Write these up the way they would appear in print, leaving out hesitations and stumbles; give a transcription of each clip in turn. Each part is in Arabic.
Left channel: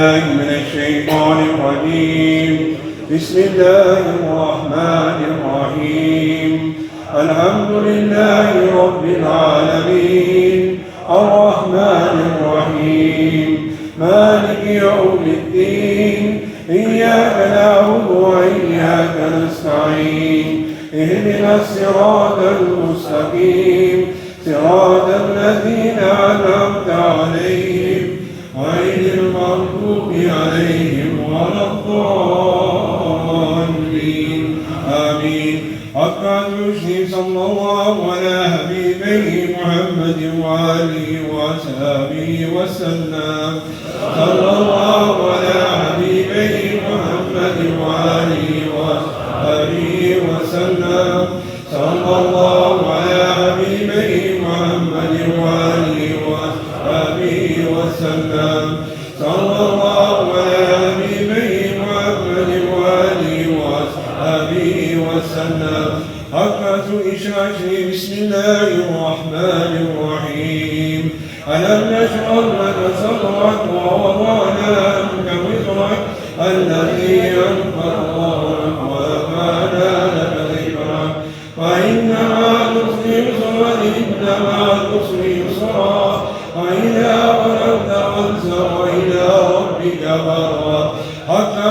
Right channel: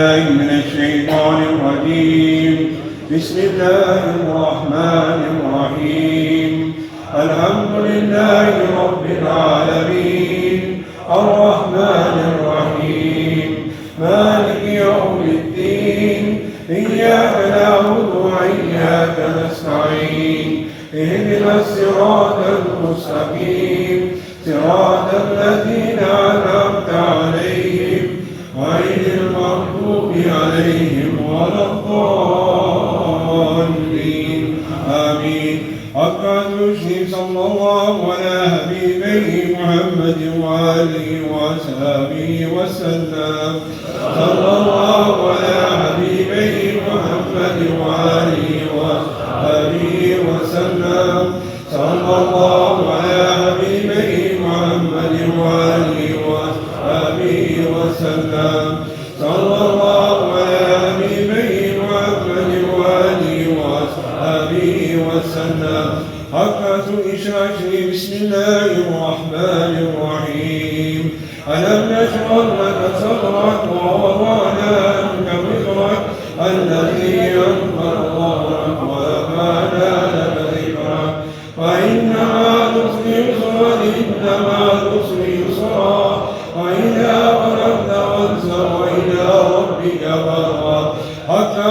من الشيطان الرجيم. بسم الله الرحمن الرحيم. الحمد لله رب العالمين الرحمن الرحيم مالك يوم الدين. إياك نعبد وإياك نستعين. اهدنا الصراط المستقيم صراط الذين أنعمت عليهم غير المغضوب عليهم ولا الضالين. آمين. حتى يشهد صلى الله على حبيبه محمد وآله وصحبه وسلم. صلى الله على حبيبه محمد وآله وصحبه وسلم. صلى الله على حبيبه محمد وآله وصحبه وسلم. صلى الله على حبيبه محمد وآله وصحبه وسلم. حقة إشراشه. بسم الله الرحمن الرحيم. ألم نشرح لك صدرك ووضعنا عنك وزرك الذي أنقض ظهرك ورفعنا لك ذكرك فإن مع العسر يسرا إن مع العسر يسرا وإذا فرغت فانصب وإلى ربك فارغب. حتى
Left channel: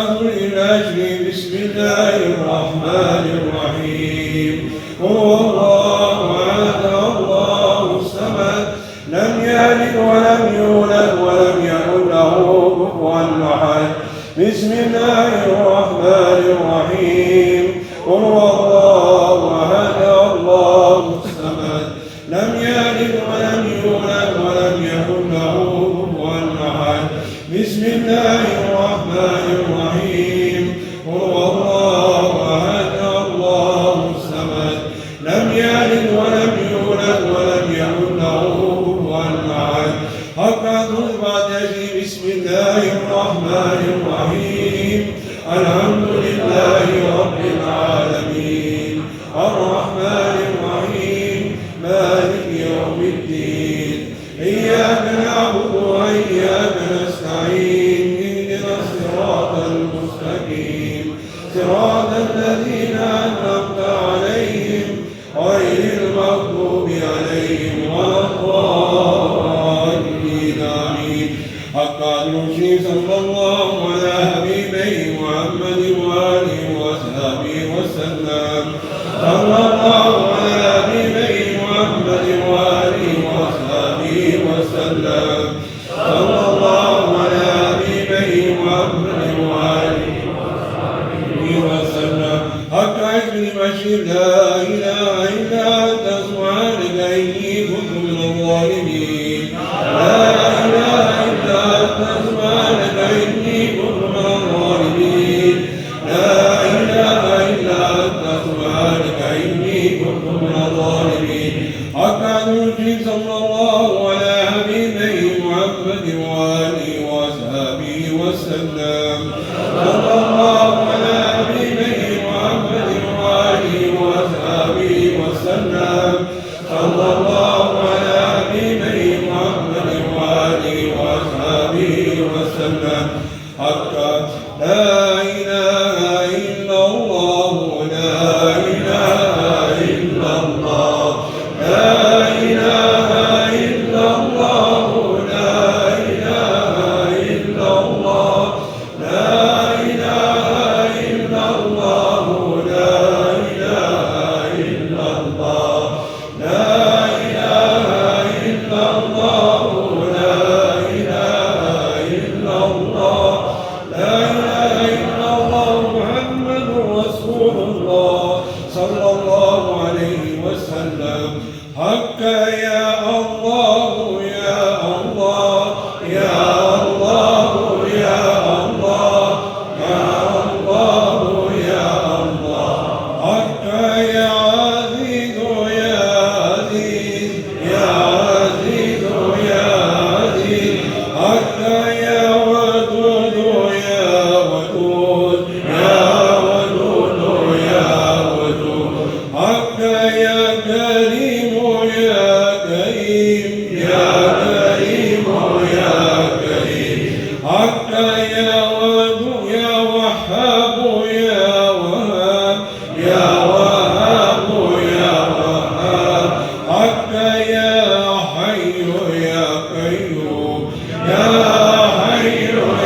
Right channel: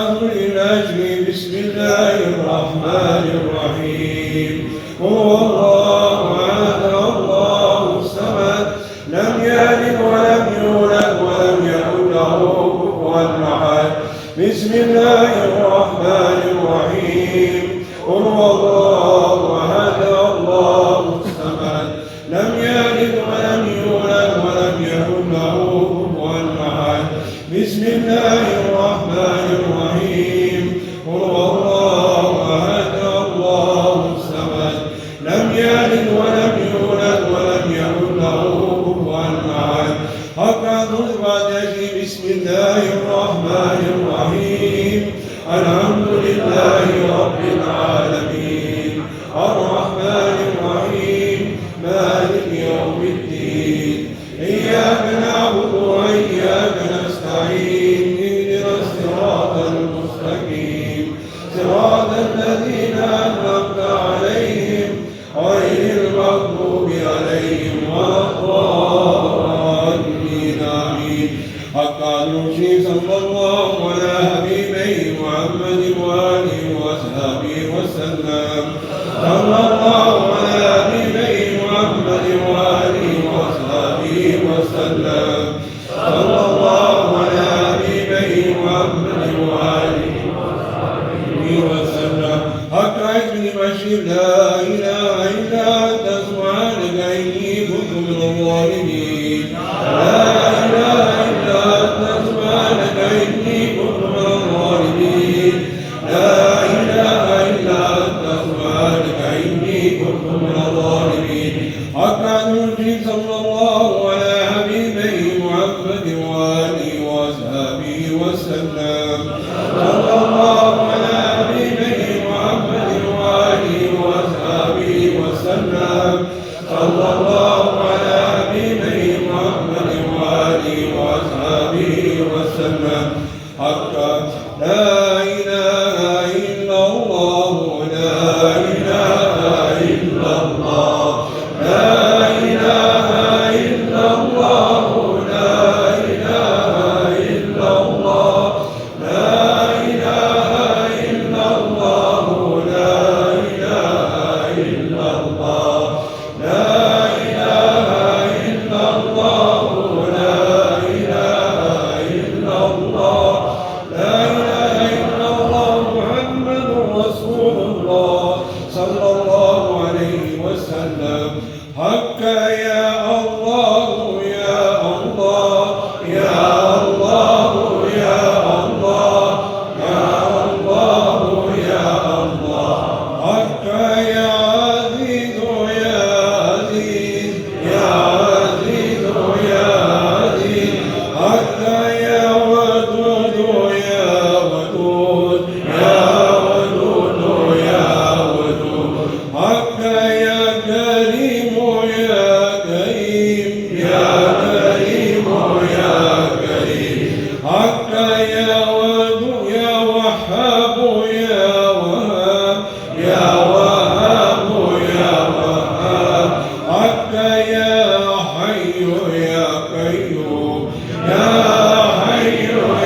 الأجر. بسم الله الرحمن الرحيم. هو الله أحد الله الصمد لم يلد ولم يولد ولم يكن له كفوا أحد. بسم الله الرحمن الرحيم. هو الله أحد الله الصمد لم يلد ولم يولد ولم يكن له كفوا أحد. بسم الله الرحمن الرحيم. هو الله أحد الله الصمد لم يلد ولم يولد ولم يكن له كفوا أحد. حتى تثبت. بسم الله الرحمن الرحيم. الحمد لله رب العالمين الرحمن الرحيم مالك يوم الدين. إياك نعبد وإياك نستعين. اهدنا الصراط المستقيم صراط الذين أنعمت عليهم غير المغضوب عليهم ولا الضالين. آمين. حتى يوشي صلى الله على حبيبه محمد وآله وصحبه وسلم. صلى الله على حبيبه محمد وآله وصحبه وسلم. صلى الله على حبيبه محمد وآله وصحبه وسلم. حق كلمة لا إله إلا أنت سبحانك إني كنت من الظالمين. لا إله إلا أنت سبحانك إني كنت من الظالمين. لا إله إلا أنت سبحانك إني كنت من الظالمين. حتى نوحي صلى الله على حبيبه محمد وآله وصحبه وسلم. صلى الله على حبيبه محمد وآله وصحبه وسلم. صلى الله على حبيبه وهاب يا وهاب يا وهاب يا وهاب حق يا حي يا قيوم يا حي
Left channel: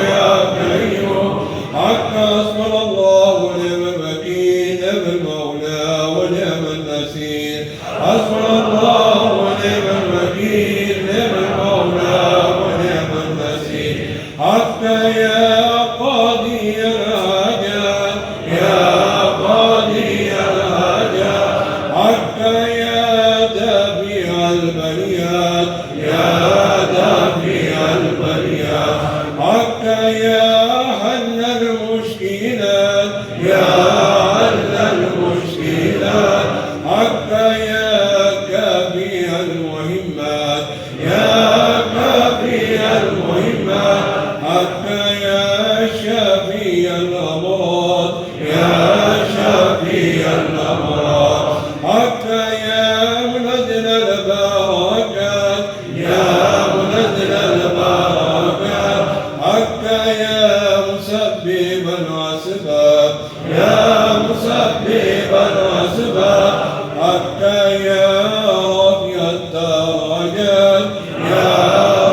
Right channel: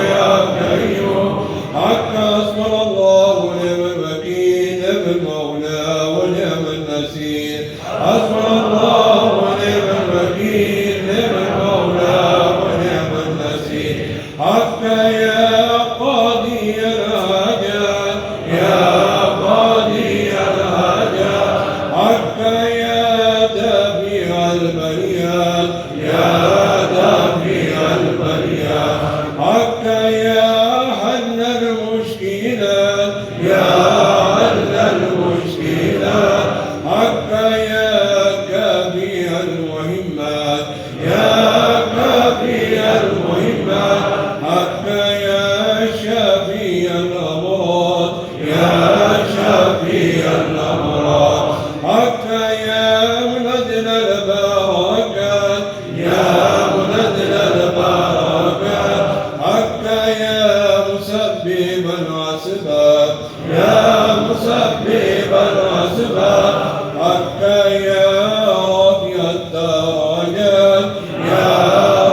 يا قيوم حق حسبنا الله ونعم الوكيل نعم المولى ونعم النصير حسبنا الله ونعم الوكيل نعم المولى ونعم النصير حق يا قاضي الحاجات يا قاضي الحاجات حق يا دافع البريات يا دافع البريات حق يا حل المشكلات يا حل المشكلات حق يا كافي المهمات يا كافي المهمات حق يا شافي الأمراض يا شافي الأمراض حق يا منزل البركات يا منزل البركات حق يا مسبب الأسباب يا مسبب الأسباب حق يا رافع الدرجات يا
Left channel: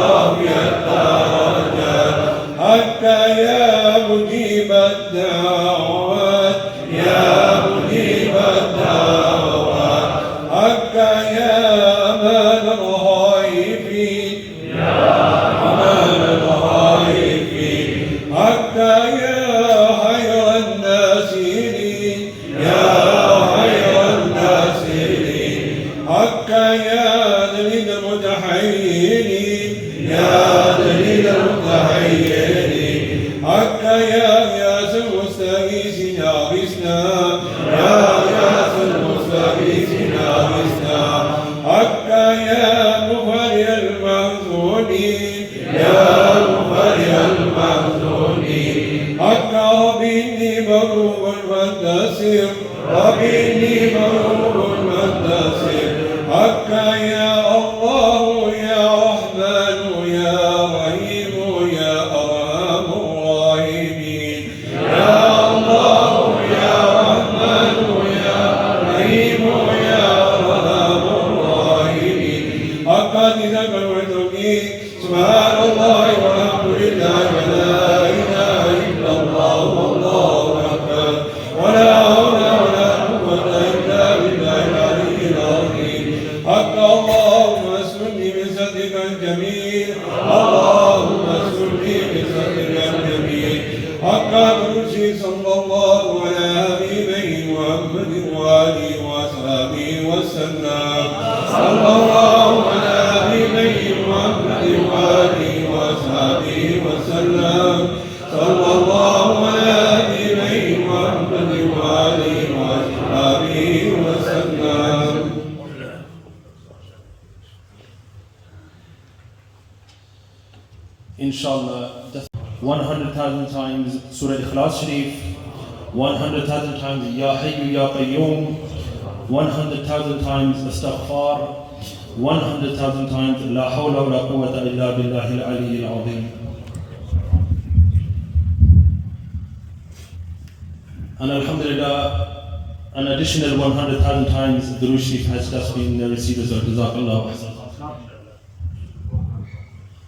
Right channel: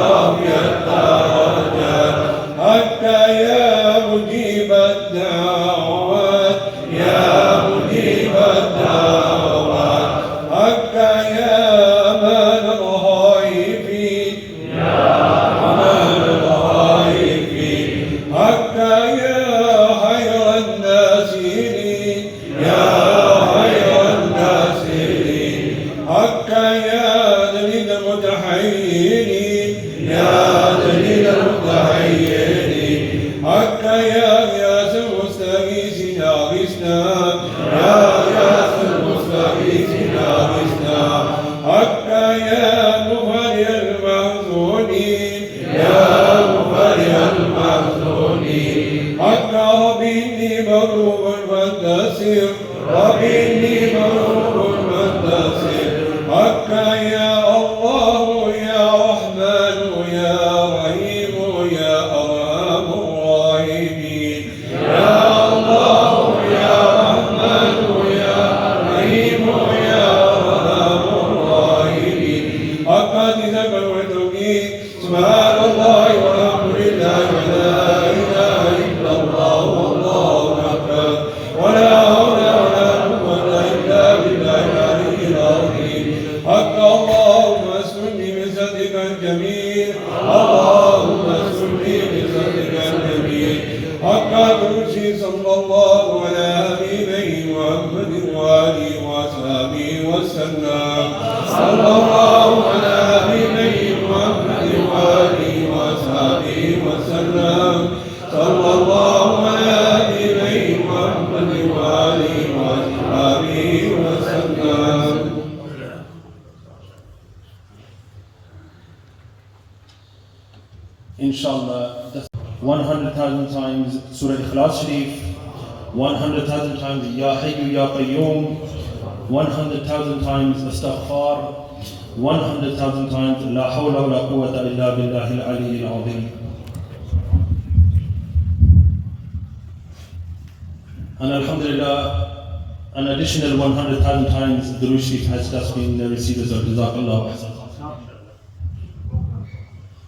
رافع الدرجات حق يا مجيب الدعوات يا مجيب الدعوات حق يا أمان الخائفين يا أمان الخائفين حق يا خير الناصرين يا خير الناصرين حق يا دليل المتحيرين يا دليل المتحيرين حق يا ياس المستغيث يا غثنا يا ياس المستغيث يا غثنا حق يا مفرج المحزونين يا مفرج المحزونين حق ربي مغلوب فانتصر ربي مغلوب فانتصر حق يا الله يا رحمن يا رحيم يا أرحم الراحمين يا الله يا رحمن يا رحيم يا أرحم الراحمين حق ذكر والتوحيد سبحان الله والحمد لله ولا إله إلا الله والله أكبر ولا حول ولا قوة إلا بالله العلي العظيم حق اللهم اسلني بصدقك الجميل اللهم اسلني بصدقك الجميل حق كرسي صلى الله على حبيبه محمد وآله وأصحابه وسلم صلى الله على حبيبه محمد وآله وأصحابه وسلم صلى الله على حبيبه محمد وآله وأصحابه وسلم. Inshallah, 100,000 times Surah Ikhlas Sharif, 100,000 times Ya Hayyu Ya Qayyum, 100,000 times Astaghfar, 100,000 times La Hawla wa La Quwwata Illa Billahi Al-Ali Al-Azim. And Alhamdulillah, an additional 100,000 times Durood Sharif has just been received as well. Jazakallah.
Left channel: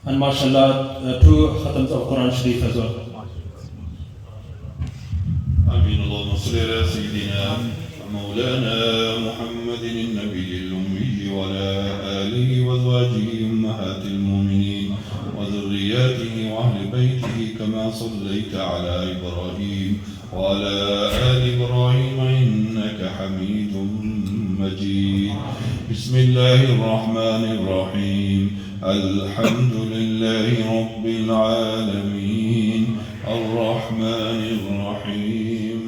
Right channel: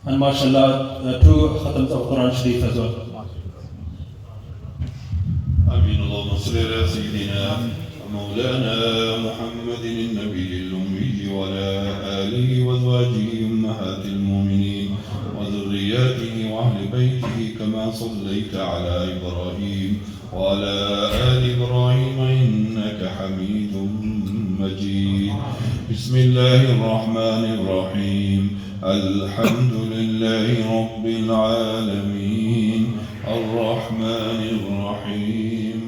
And mashallah, 2 khatams of Quran Sharif as well. آمين. اللهم صل على سيدنا ومولانا محمد النبي الأمي وعلى آله وأزواجه أمهات المؤمنين وذرياته وأهل بيته كما صليت على إبراهيم وعلى آل إبراهيم إنك حميد مجيد. بسم الله الرحمن الرحيم. الحمد لله رب العالمين الرحمن الرحيم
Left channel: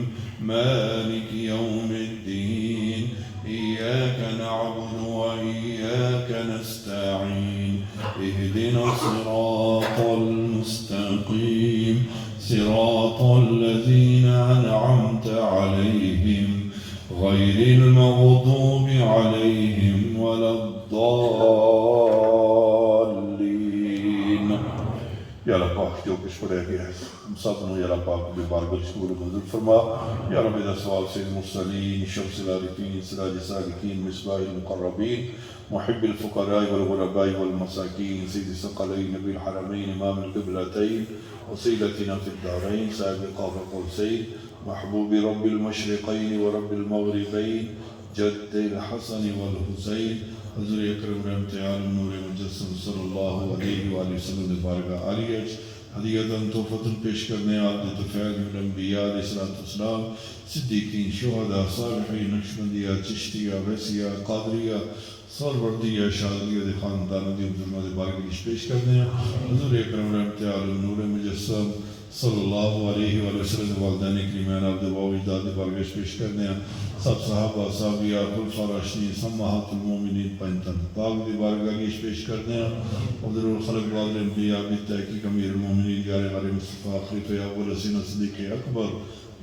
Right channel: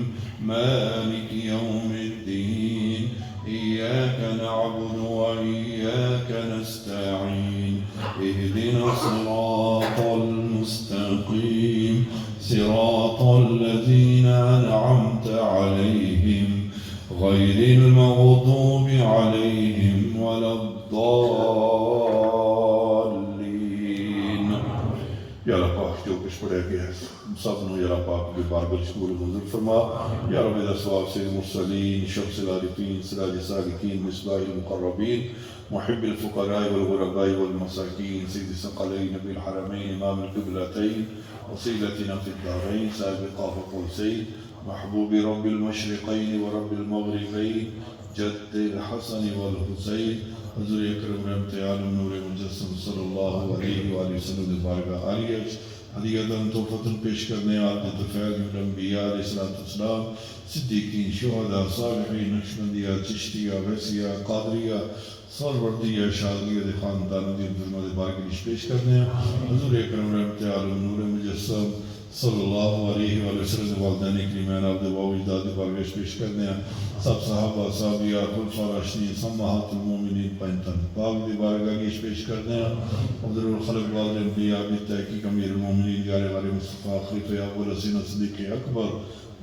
مالك يوم الدين إياك نعبد وإياك نستعين اهدنا الصراط المستقيم صراط الذين أنعمت عليهم غير المغضوب عليهم ولا الضالين. Ya Allah, Deus por aí, مقصدنا يا رب ببارك الشكور منزل فرما يا رب إذا سواب سيد المرسلين شمس العارفين سراج السالكين مصباح المقربين محب الفقراء والغرباء والمساكين سيد الثقلين نبي الحرمين إمام القبلتين وسيلتنا في الدارين سائد قاف قوسين محبوب رب المشرقين ورب المغربين جد الحسن والحسين حضور اکرم رحمت عالم نور مجسم صلی اللہ علیہ وآلہ وسلم نے بارگاہ عالیہ ہدیتاً تحفتاً پیش کرنے عبد الفیض من الانبیاء علیہ السلام صدیقین شہداء صالحین نقشبندیہ چشتیہ ویسیہ قادریہ سالوردیہ شادریہ خاندان دی فرما دے بارگاہ پیش کرنے حضور اکرم رحمت عالم نور مجسم صلی اللہ علیہ وآلہ وسلم والدین کریمان عبد و اجداد بارگاہ پیش کرنے سب صحابہ صحابیہ خلفاء راشدین سماحات المومنین پنتن پاک دی بارگاہ پیش کرنے حضور الخلق والد انبیاء بالتحقیق امیر المومنین یار والے مصطفیٰ خلیفہ اول حسین صدیق اکبر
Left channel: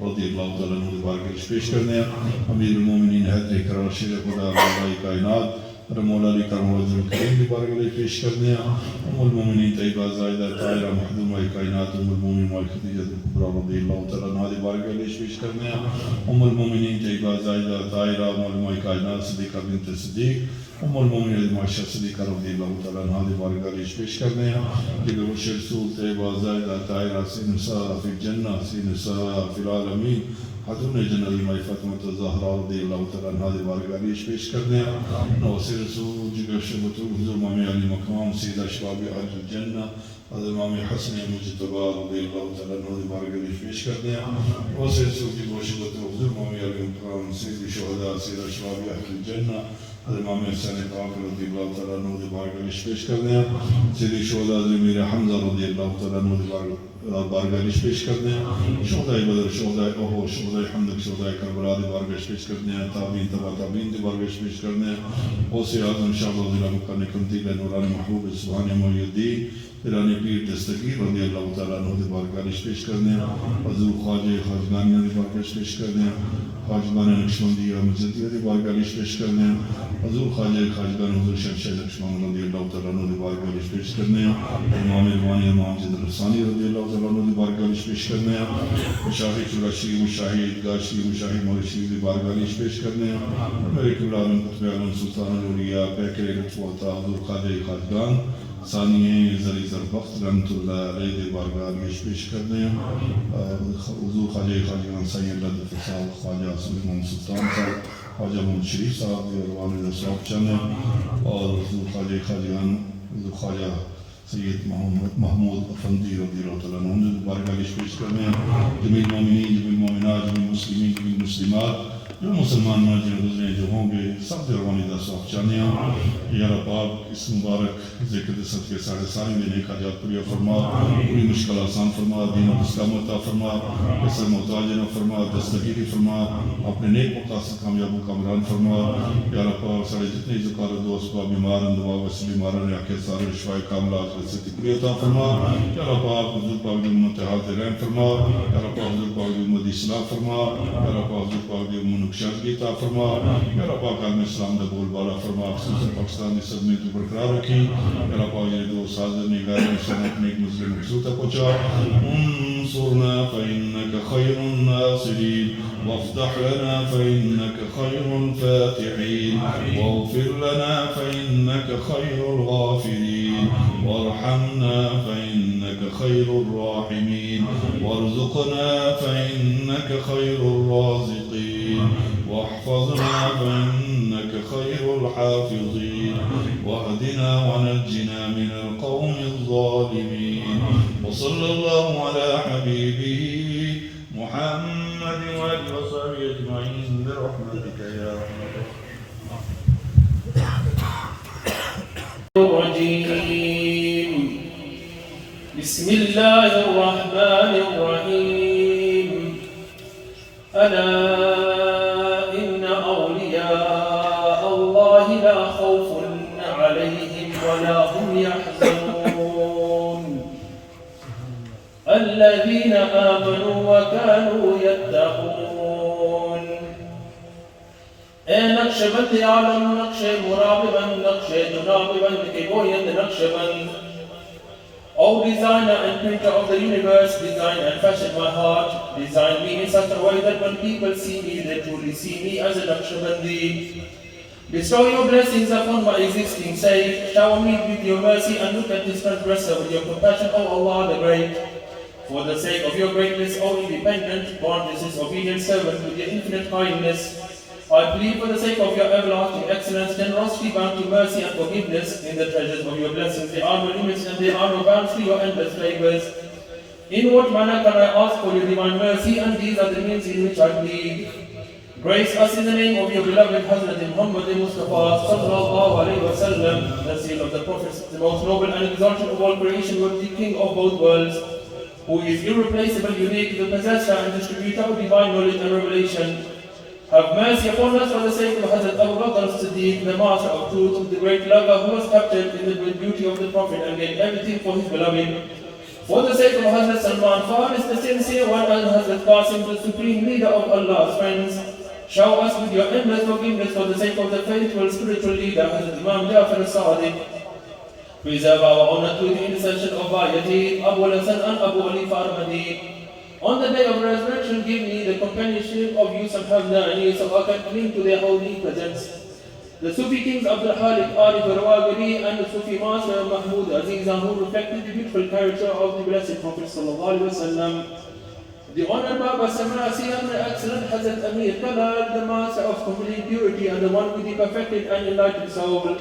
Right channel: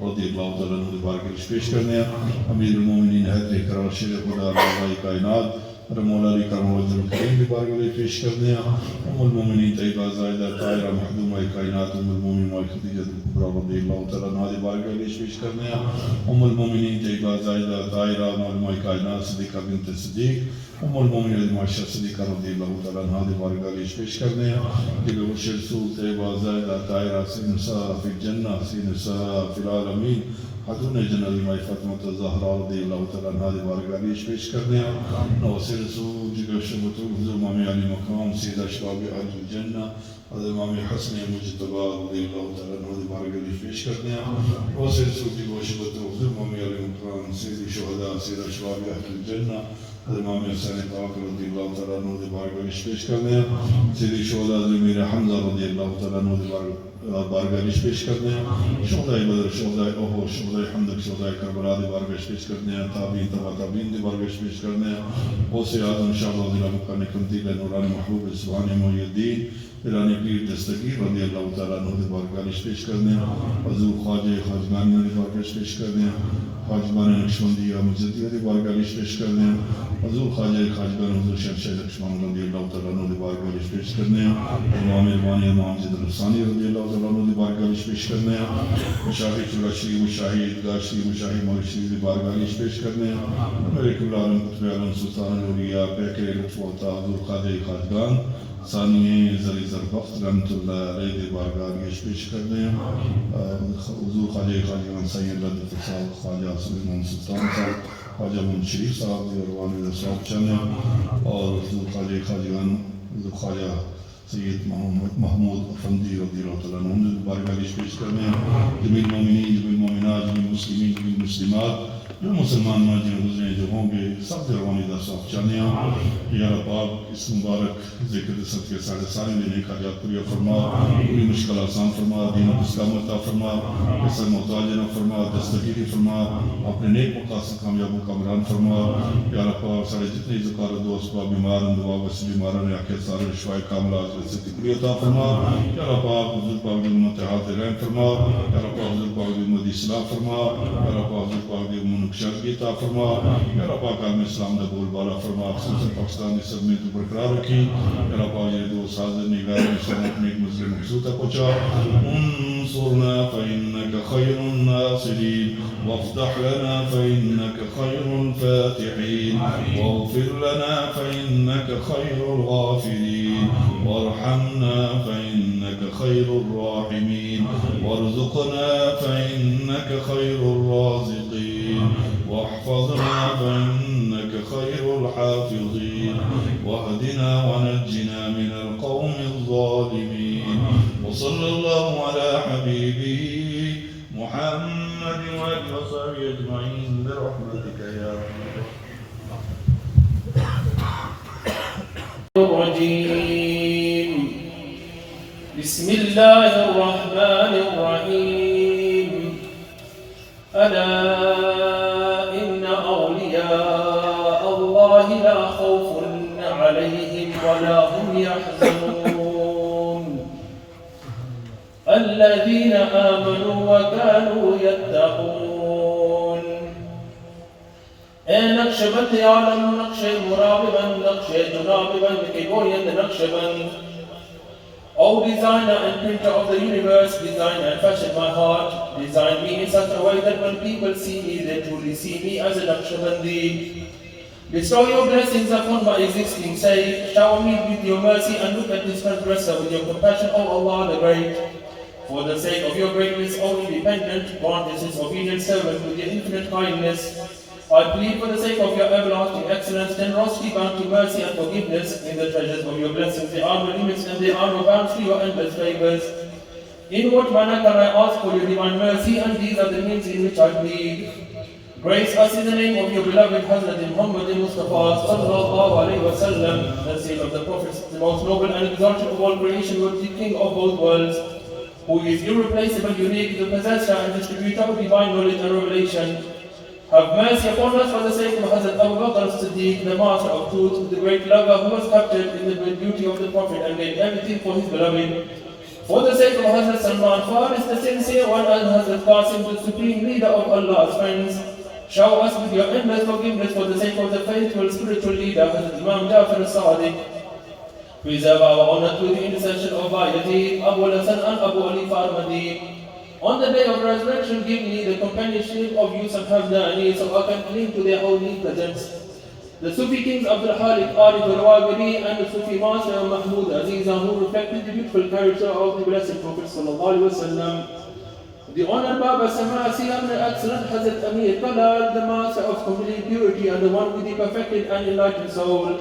رضی اللہ تعالیٰ عنہ دی بارگاہ پیش کرنے امیر المومنین حیدر کرار شیر خدا اللہ کائنات مولا علی کرم وزر الکریم دی بارگاہ پیش کرنے المومنین طیبہ زائدہ طاہرہ محدومہ کائنات المومنین والخدیجہ الکبریٰ رضی اللہ تعالیٰ عنہ دی بارگاہ پیش کرنے المومنین طیبہ زائدہ طاہرہ محدومہ کائنات صدیقہ بنت صدیق المومنین معاشہ صدیقہ رضی اللہ تعالیٰ عنہ دی بارگاہ پیش کرنے جب بشر رسول طیبہ زائدہ طاہرہ سی نساء فی الجنہ سی نساء فی العالمین حضور جنابی مائی فاطمہ الزہرا رضی اللہ تعالیٰ عنہ دی بارگاہ پیش کرنے نوسر رسول جگر شبتو حضور امام علی مقام سید اشراب اہل الجنہ حضرت امام حسن مجتبی رضی اللہ تعالیٰ عنہ دی بارگاہ پیش کرنے نوسر رسول جگر شبتو حضور امام علی مقام سید شہداء سید اشراب اہل الجنہ حضرت امام حسین پاک رضی اللہ تعالیٰ عنہ دی بارگاہ پیش کرنے سید شہداء امیر حمزہ رضی اللہ تعالیٰ عنہ دی بارگاہ پیش کرنے شہداء بدر شہداء احد شہداء حمد شہداء کربلا دی بارگاہ پیش کرنے تابعین تبع تابعین دی بارگاہ پیش کرنے غوث اعظم شاہ رضی اللہ مکان کمتیل نورانی محبوب سبحان محی الدین پیرانی پیر دستگیر رضی اللہ تعالیٰ عنہ دی بارگاہ پیش کرنے حضور خواجہ خواجگان دی بارگاہ پیش کرنے خواجگان نقشبندیہ مزدیہ دی بارگاہ پیش کرنے حضور خواجہ خواجگان حضور شمشیر نقشبند رضی اللہ تعالیٰ عنہ دی بارگاہ پیش کرنے امام روانی امام زید الرسانی رضی اللہ تعالیٰ عنہ دی بارگاہ پیش کرنے مشاہی چلاشی مشاہی ادگاشی مشاہی مولشی دی بارگاہ پیش کرنے میرے قبل عالم قطب عالم سلطان الاولیاء پیکر لطف و عطا حضور خواجہ خواجگان ثانیہ زلی زربخت رحمت اللہ علیہ دی بارگاہ پیش کرنے حضور خواجہ خواجگان سید اللہ فصاح خواجہ سلیمان سلطان صاحب خواجہ محمد شریف صاحب روانی صاحب چنے اور حضور خواجہ خواجگان حضور خواجہ سید محمود افندی رضی اللہ تعالیٰ عنہ بارگاہ پیش کرنے جمیع المومنین جمیع المومنات جمیع المسلمین جمیع المسلمات جو مسلمان ماجر نظریں جو ہوں گے سب دروانی دا صاحب چانیاں یا رب آپ اس مبارک ذکر دست کے سارے میں نیک حاجات پوریا فرما پوری مشکل آسان فرما دین اسلام عطا فرما اسر محتاجنا فرما دستگیری فرما اپنے نیک مقاصد کامیابوں کا مران فرما یا رب آپ سارے جتنے ذکار دوست با بیمارن دعا وسی بیمارن یا کہ سارے شوائے کاملہ آج سے تکری عطا فرما یا رب آپ حضور پاک دی منتحات رحم فرما یا رب آپ حضور پاک دی مدی صلاح فرما یا رب آپ حضور پاک دی شرقی عطا فرما میرا پاک عالم اسلام دا بول بالا فرما خصوصاً پاکستانی صدمے کی برقرار رکھی میرا پاک یہ دو سازر نگاہ شرط میں ایک مظلم مقصود تک پہنچا انصرنا فإنك خير الناصرين وافتح لنا فإنك خير الفاتحين واغفر لنا فإنك خير الغافرين وارحمنا فإنك خير الراحمين وارزقنا فإنك خير الرازقين واحفظنا فإنك خير الحافظين واهدنا ونجنا من القوم الظالمين وصلى الله على حبيبه محمد وآله وصحبه أجمعين برحمتك يا الرجيم بسم الله الرحمن الرحيم ألا إن أولياء الله لا خوف عليهم ولا هم يحزنون الذين آمنوا وكانوا يتقون نقشبند عالم نقش مراببند نقش جناببند که گویند نقشبند O designer and printer of the universe, design and fashion my heart. Design me in such a way that when people see me, they truly see me as a Naqshbandi. Bestow your blessings upon my existing sake. Shower me with your mercy and look at this transgressor with your compassion, O Allah the Great. For the sake of your greatness, O independent, grant this his obedient servant with your infinite kindness. I plead for the sake of your everlasting excellence, generosity, bounty, mercy, and forgiveness in the treasures of your blessings. There are no limits and there are no bounds to your endless favors. In what manner can I ask for your divine mercy? And these are the means in which I plead. Grace us in the name of your beloved Hazrat Muhammad Mustafa sallallahu alayhi wa sallam, the seal of the prophets, the most noble and exalted of all creation, was the king of both worlds, who is irreplaceable, unique, the possessor and distributor of divine knowledge and revelation. Have mercy upon us for the sake of Hazrat Abu Bakr as-Siddiq, the master of truth, the great lover who was captured in the beauty of the Prophet and gave everything for his beloved. For the sake of Hazrat Salman Faris, the sincere one, and Hazrat Qasim, the supreme leader of Allah's friends. Shower us with your endless forgiveness for the sake of the faithful spiritual leader, Hazrat Imam Jafar al-Sadiq. Preserve our honor through the intercession of Bayati, Abu al-Hasan and Abu Ali Farmadi. On the day of resurrection, give me the companionship of Yusuf Hamdani so I can cling to their holy presence. The Sufi kings Abdul Halik Arif al-Rawabili and the Sufi master Mahmud Azizan, who reflected the beautiful character of the Blessed Prophet sallallahu alaihi wasallam. The Honored Baba Samasi and the excellent Hazrat Amir Khalal, the master of complete purity and the one with the perfected and enlightened soul.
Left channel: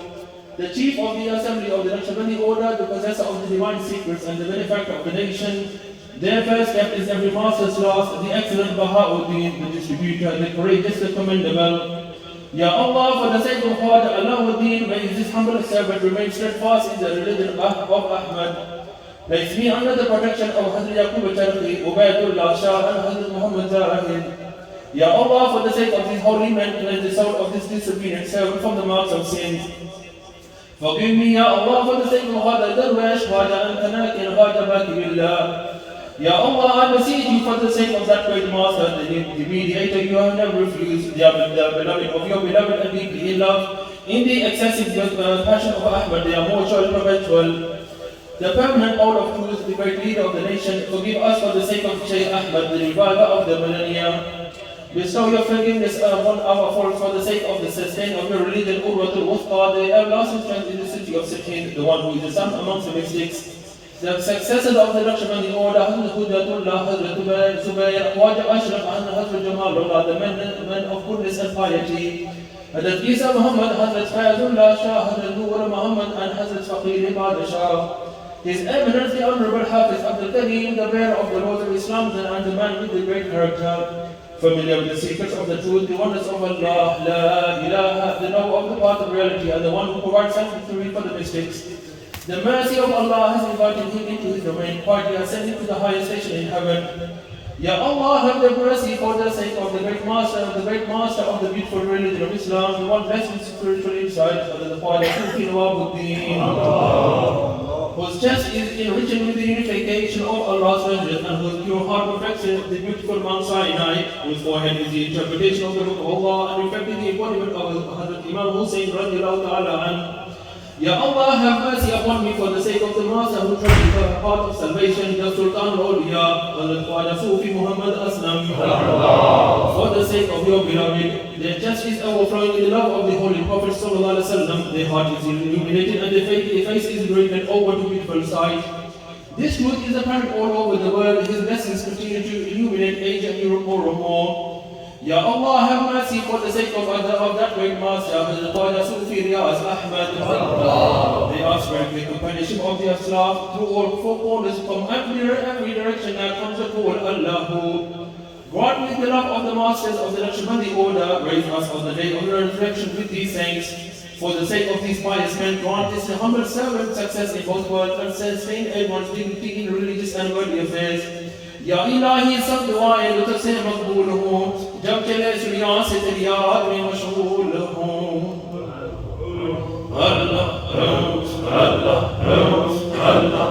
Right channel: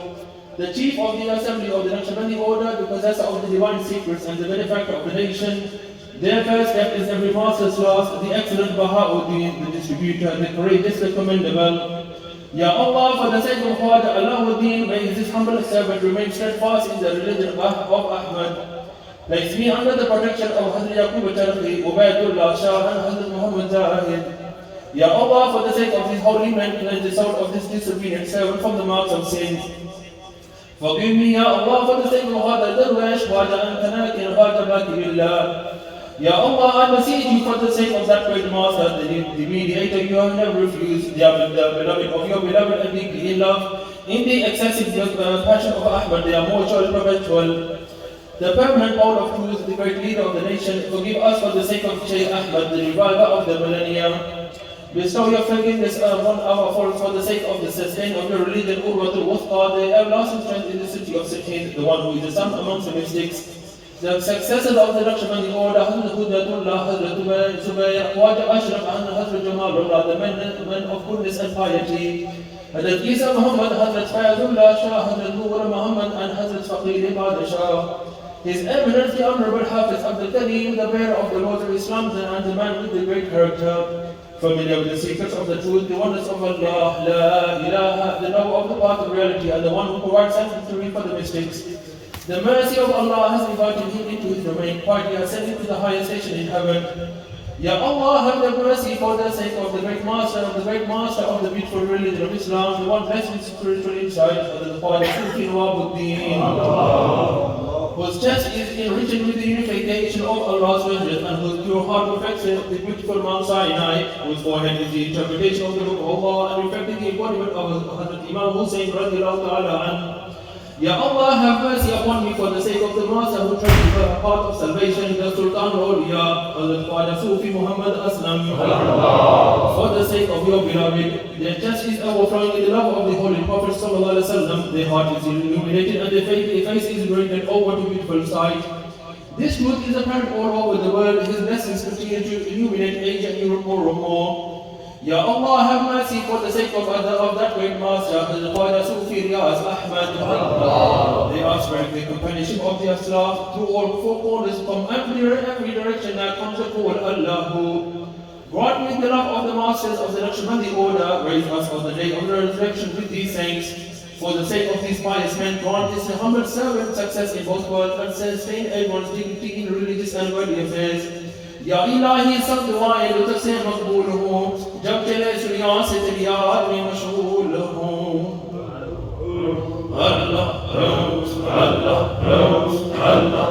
The chief of the assembly of the Naqshbandi order, the possessor of the divine secrets and the benefactor of the nation. Their first step is every master's last, the excellent Baha'uddin, the distributor, the courageous, the commendable. Ya Allah, for the sake of Father Alauddin, may this humble servant remain steadfast in the religion of Ahmad. Place me under the protection of Hazrat Yaqub al-Charqi, Ubaydullah Shah and Hazrat Muhammad Zahid. Ya Allah, for the sake of this holy man, cleanse the soul of this disobedient servant from the marks of sins. Forgive me, Ya Allah, for the sake of Hada Darwash, Hada Antanakin, Hada Bakilillah. Ya Allah, I beseech you for the sake of that great master, the mediator you have never refused, the beloved of your beloved and deeply in love, in the excessive passion of Ahmad, they are more perpetual. The permanent pole of truth, the great leader of the nation, forgive us for the sake of Shaykh Ahmad, the reviver of the millennia. Bestow your forgiveness upon our faults for the sake of the sustain of your religion, Urwatul Wuthqa, the everlasting strength in the city of Sikhin, the one who is the son amongst the mystics. The successors of the Naqshbandi order, Hazrat Hudratullah, Hazrat Zubayr, Khwaja Ashraf, and Hazrat Jamalullah, the men of goodness and piety. Hazrat Isa Muhammad, Hazrat Fayazullah Shah, Hazrat Nur Muhammad, and Hazrat Faqir Ibad Shah. His Eminence, the Honorable Hafiz Abdul Kareem, the bearer of the Lord of Islam, and the man with the great character. Familiar with the secrets of the truth, the wonders of Allah, La ilaha, the knower of the path of reality, and the one who provides sanctuary for the mystics. The mercy of Allah has invited him into his domain, quietly ascending to the highest station in heaven. Ya Allah, have mercy for the sake of the great master of the beautiful religion of Islam, the one blessed with spiritual insight, the Father Sufi Nawabuddin, whose chest is enriched with the unification of Allah's religion, and whose pure heart reflects the beautiful Mount Sinai, whose forehead is the interpretation of the book of Allah, and reflecting the embodiment of Hazrat Imam Hussein radiallahu ta'ala anhu. Ya Allah, have mercy upon me for the sake of the Master who tried to the path of salvation, the Sultan al-Awliya, Hazrat Khwaja Sufi Muhammad Aslam. For the sake of your beloved, their justice overflowing in the love of the Holy Prophet sallallahu alaihi wasallam, their heart is illuminated and their face is brightened over to beautiful sight. This truth is apparent all over the world. His blessings continue to illuminate Asia and Europe more and more. Ya Allah, have mercy for the sake of that great master, Hazrat Khwaja Sufi Riyaz Ahmad. They ask for the companionship of the Ashraf through all four corners from every direction that comes to call Allah. Grant me the love of the masters of the Naqshbandi order, raise us on the day of the resurrection with these saints. For the sake of these pious men, grant this humble servant success in both worlds and sustain everyone's dignity in religious and worldly affairs. या इलाही सब दुआएं रुत से मकबूल हों जब चले सुरियां से तेरी याद में मशगूल हों अल्लाह अल्लाह अल्लाह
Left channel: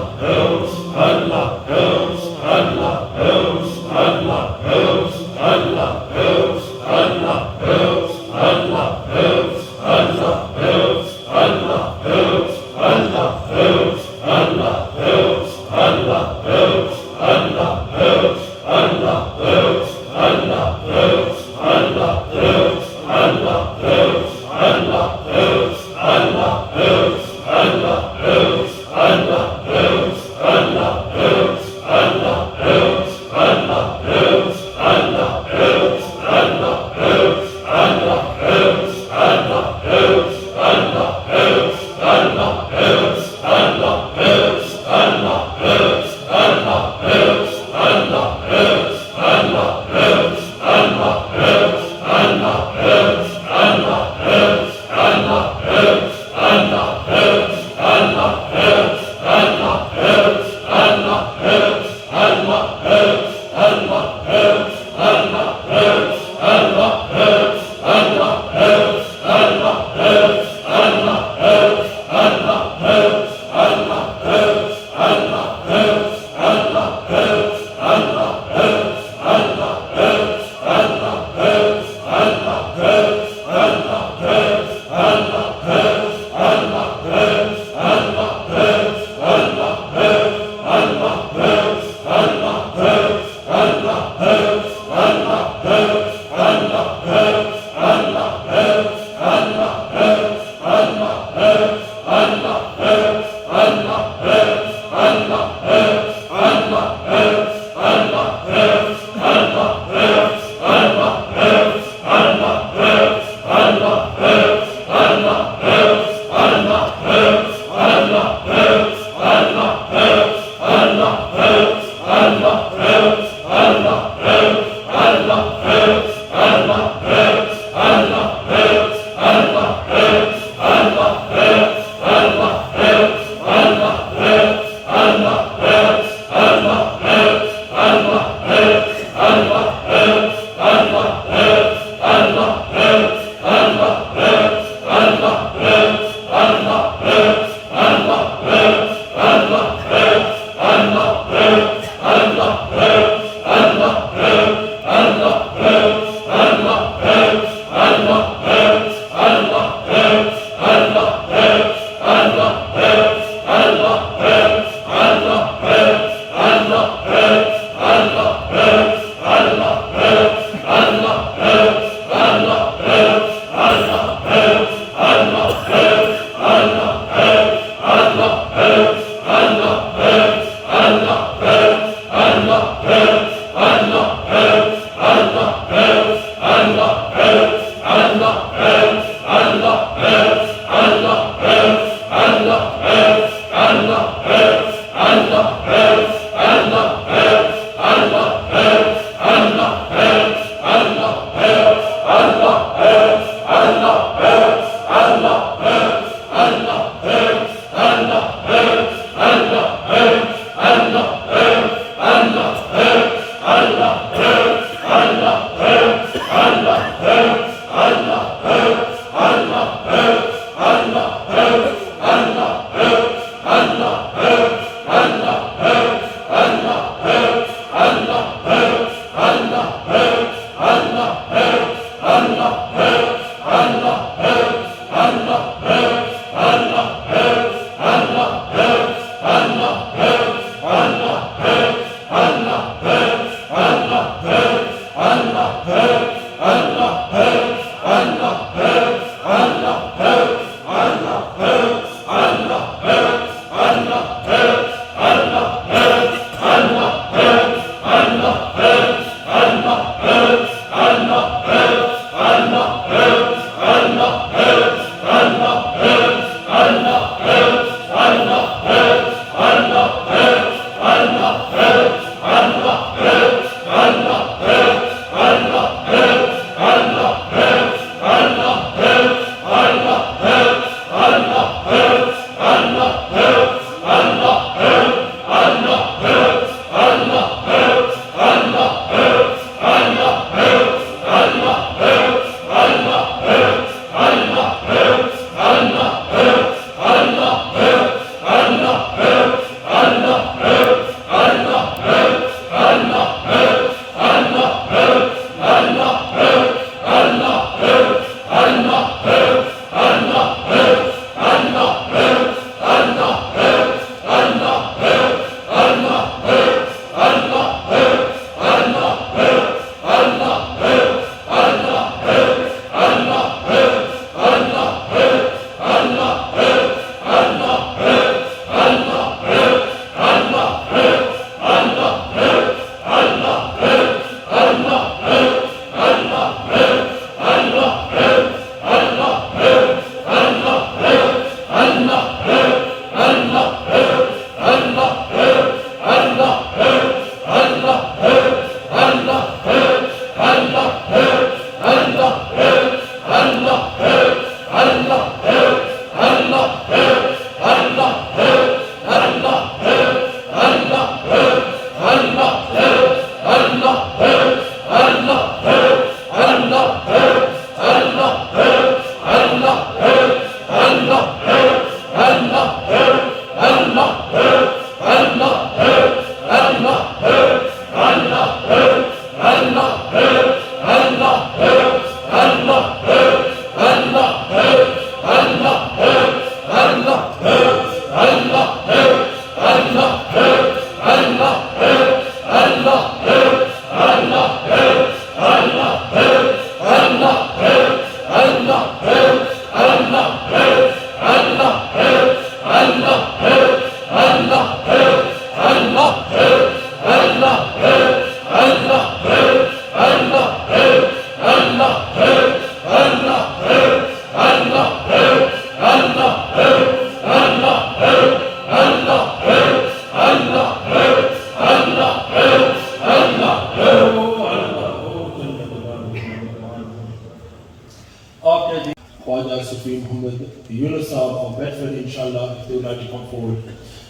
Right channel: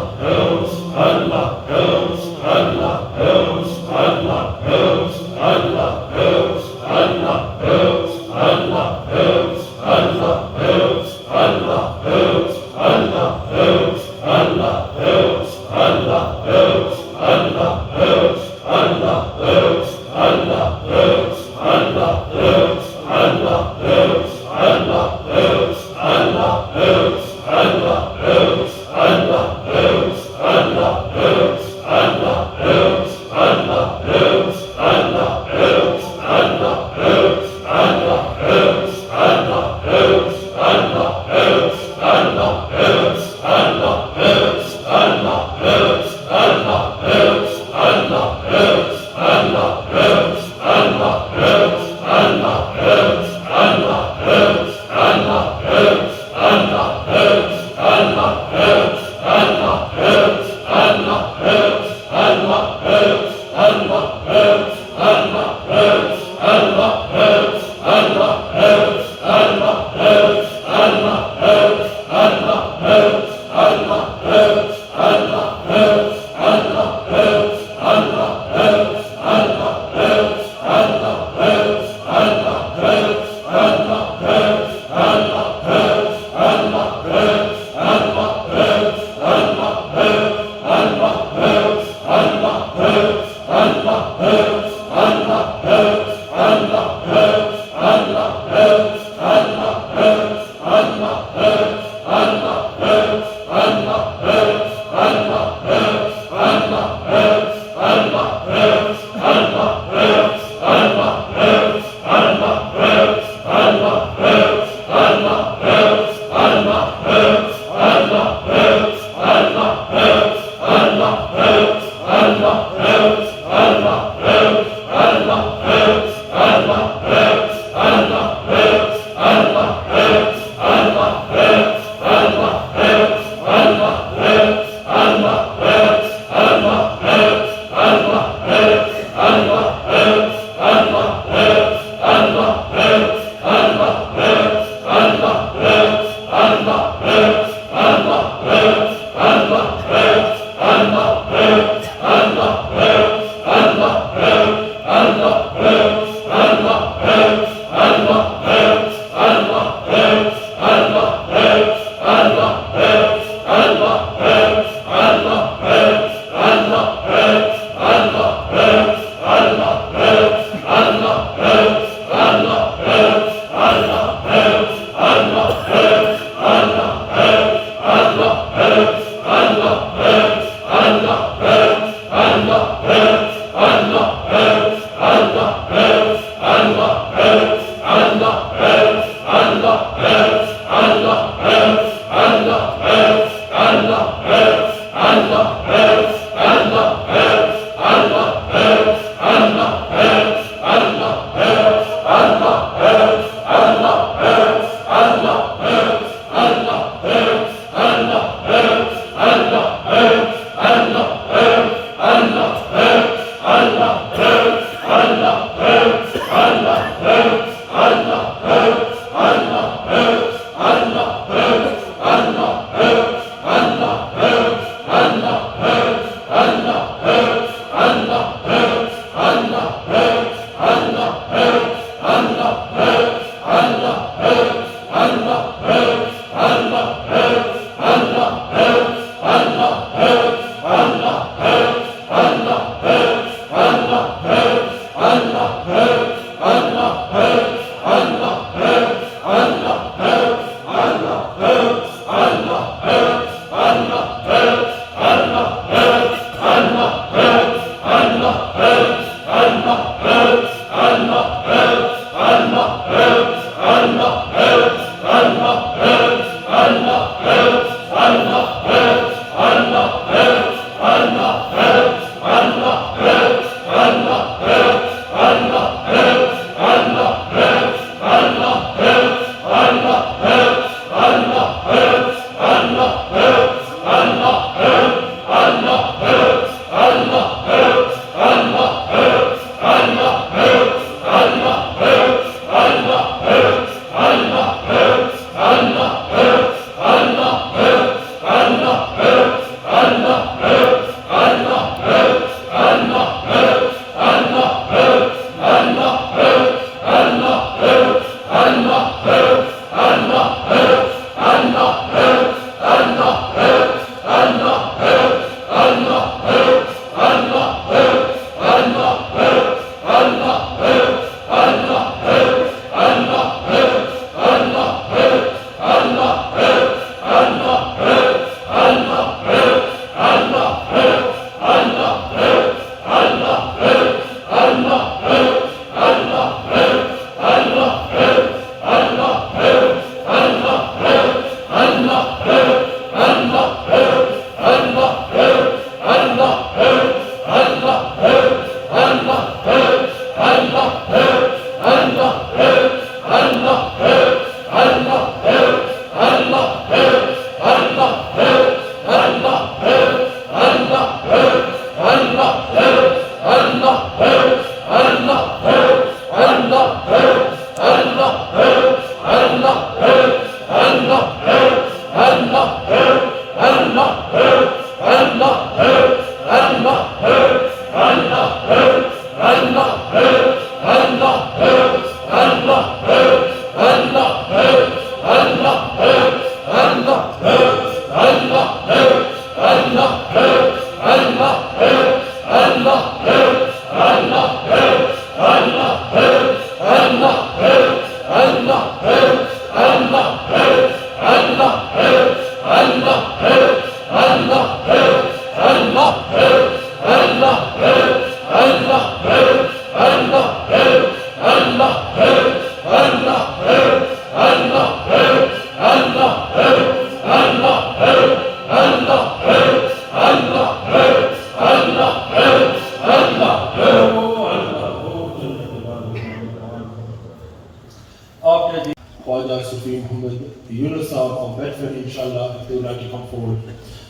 after the Khwaja Sufi Muhammad Yunus of Bedford, inshallah, if they would like to come forward.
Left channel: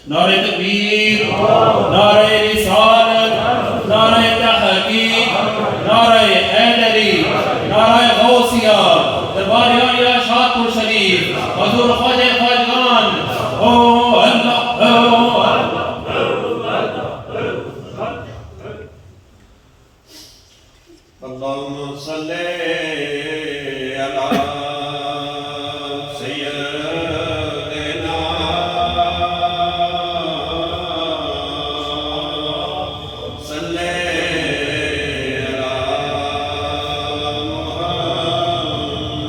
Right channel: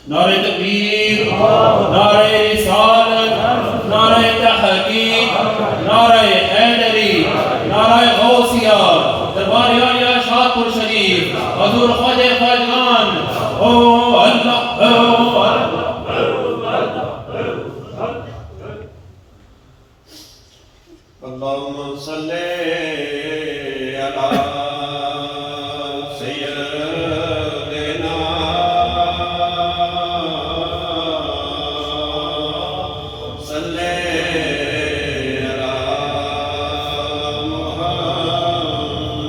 Nare Takbir, Nare Risalat, Nare Tahaqeeq, Nare Haidari, Nare Ghausiyya, Darbar-e-Aliya Shadpur Sharif, Hazur Khwaja Khwajan, Oh Allah, Oh Allah. Allahumma salli ala sayyidina salli ala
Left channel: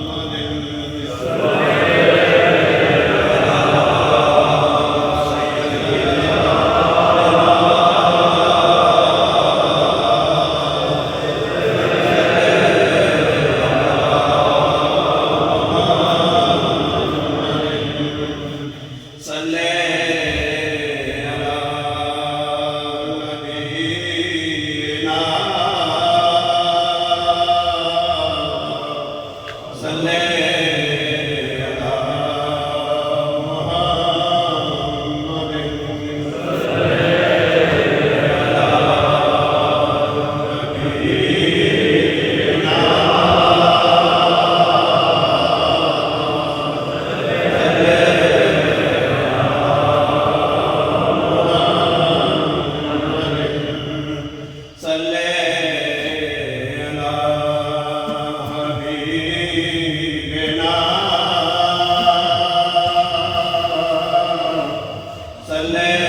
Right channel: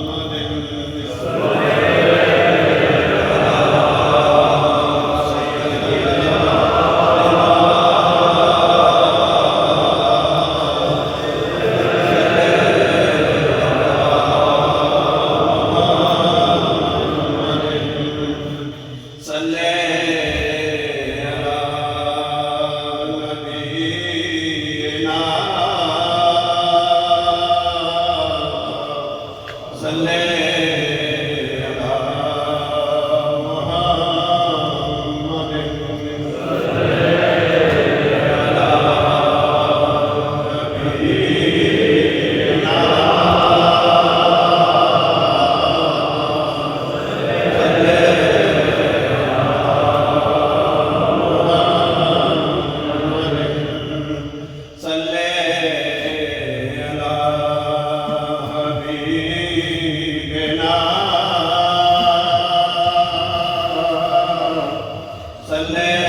Muhammadin Amen.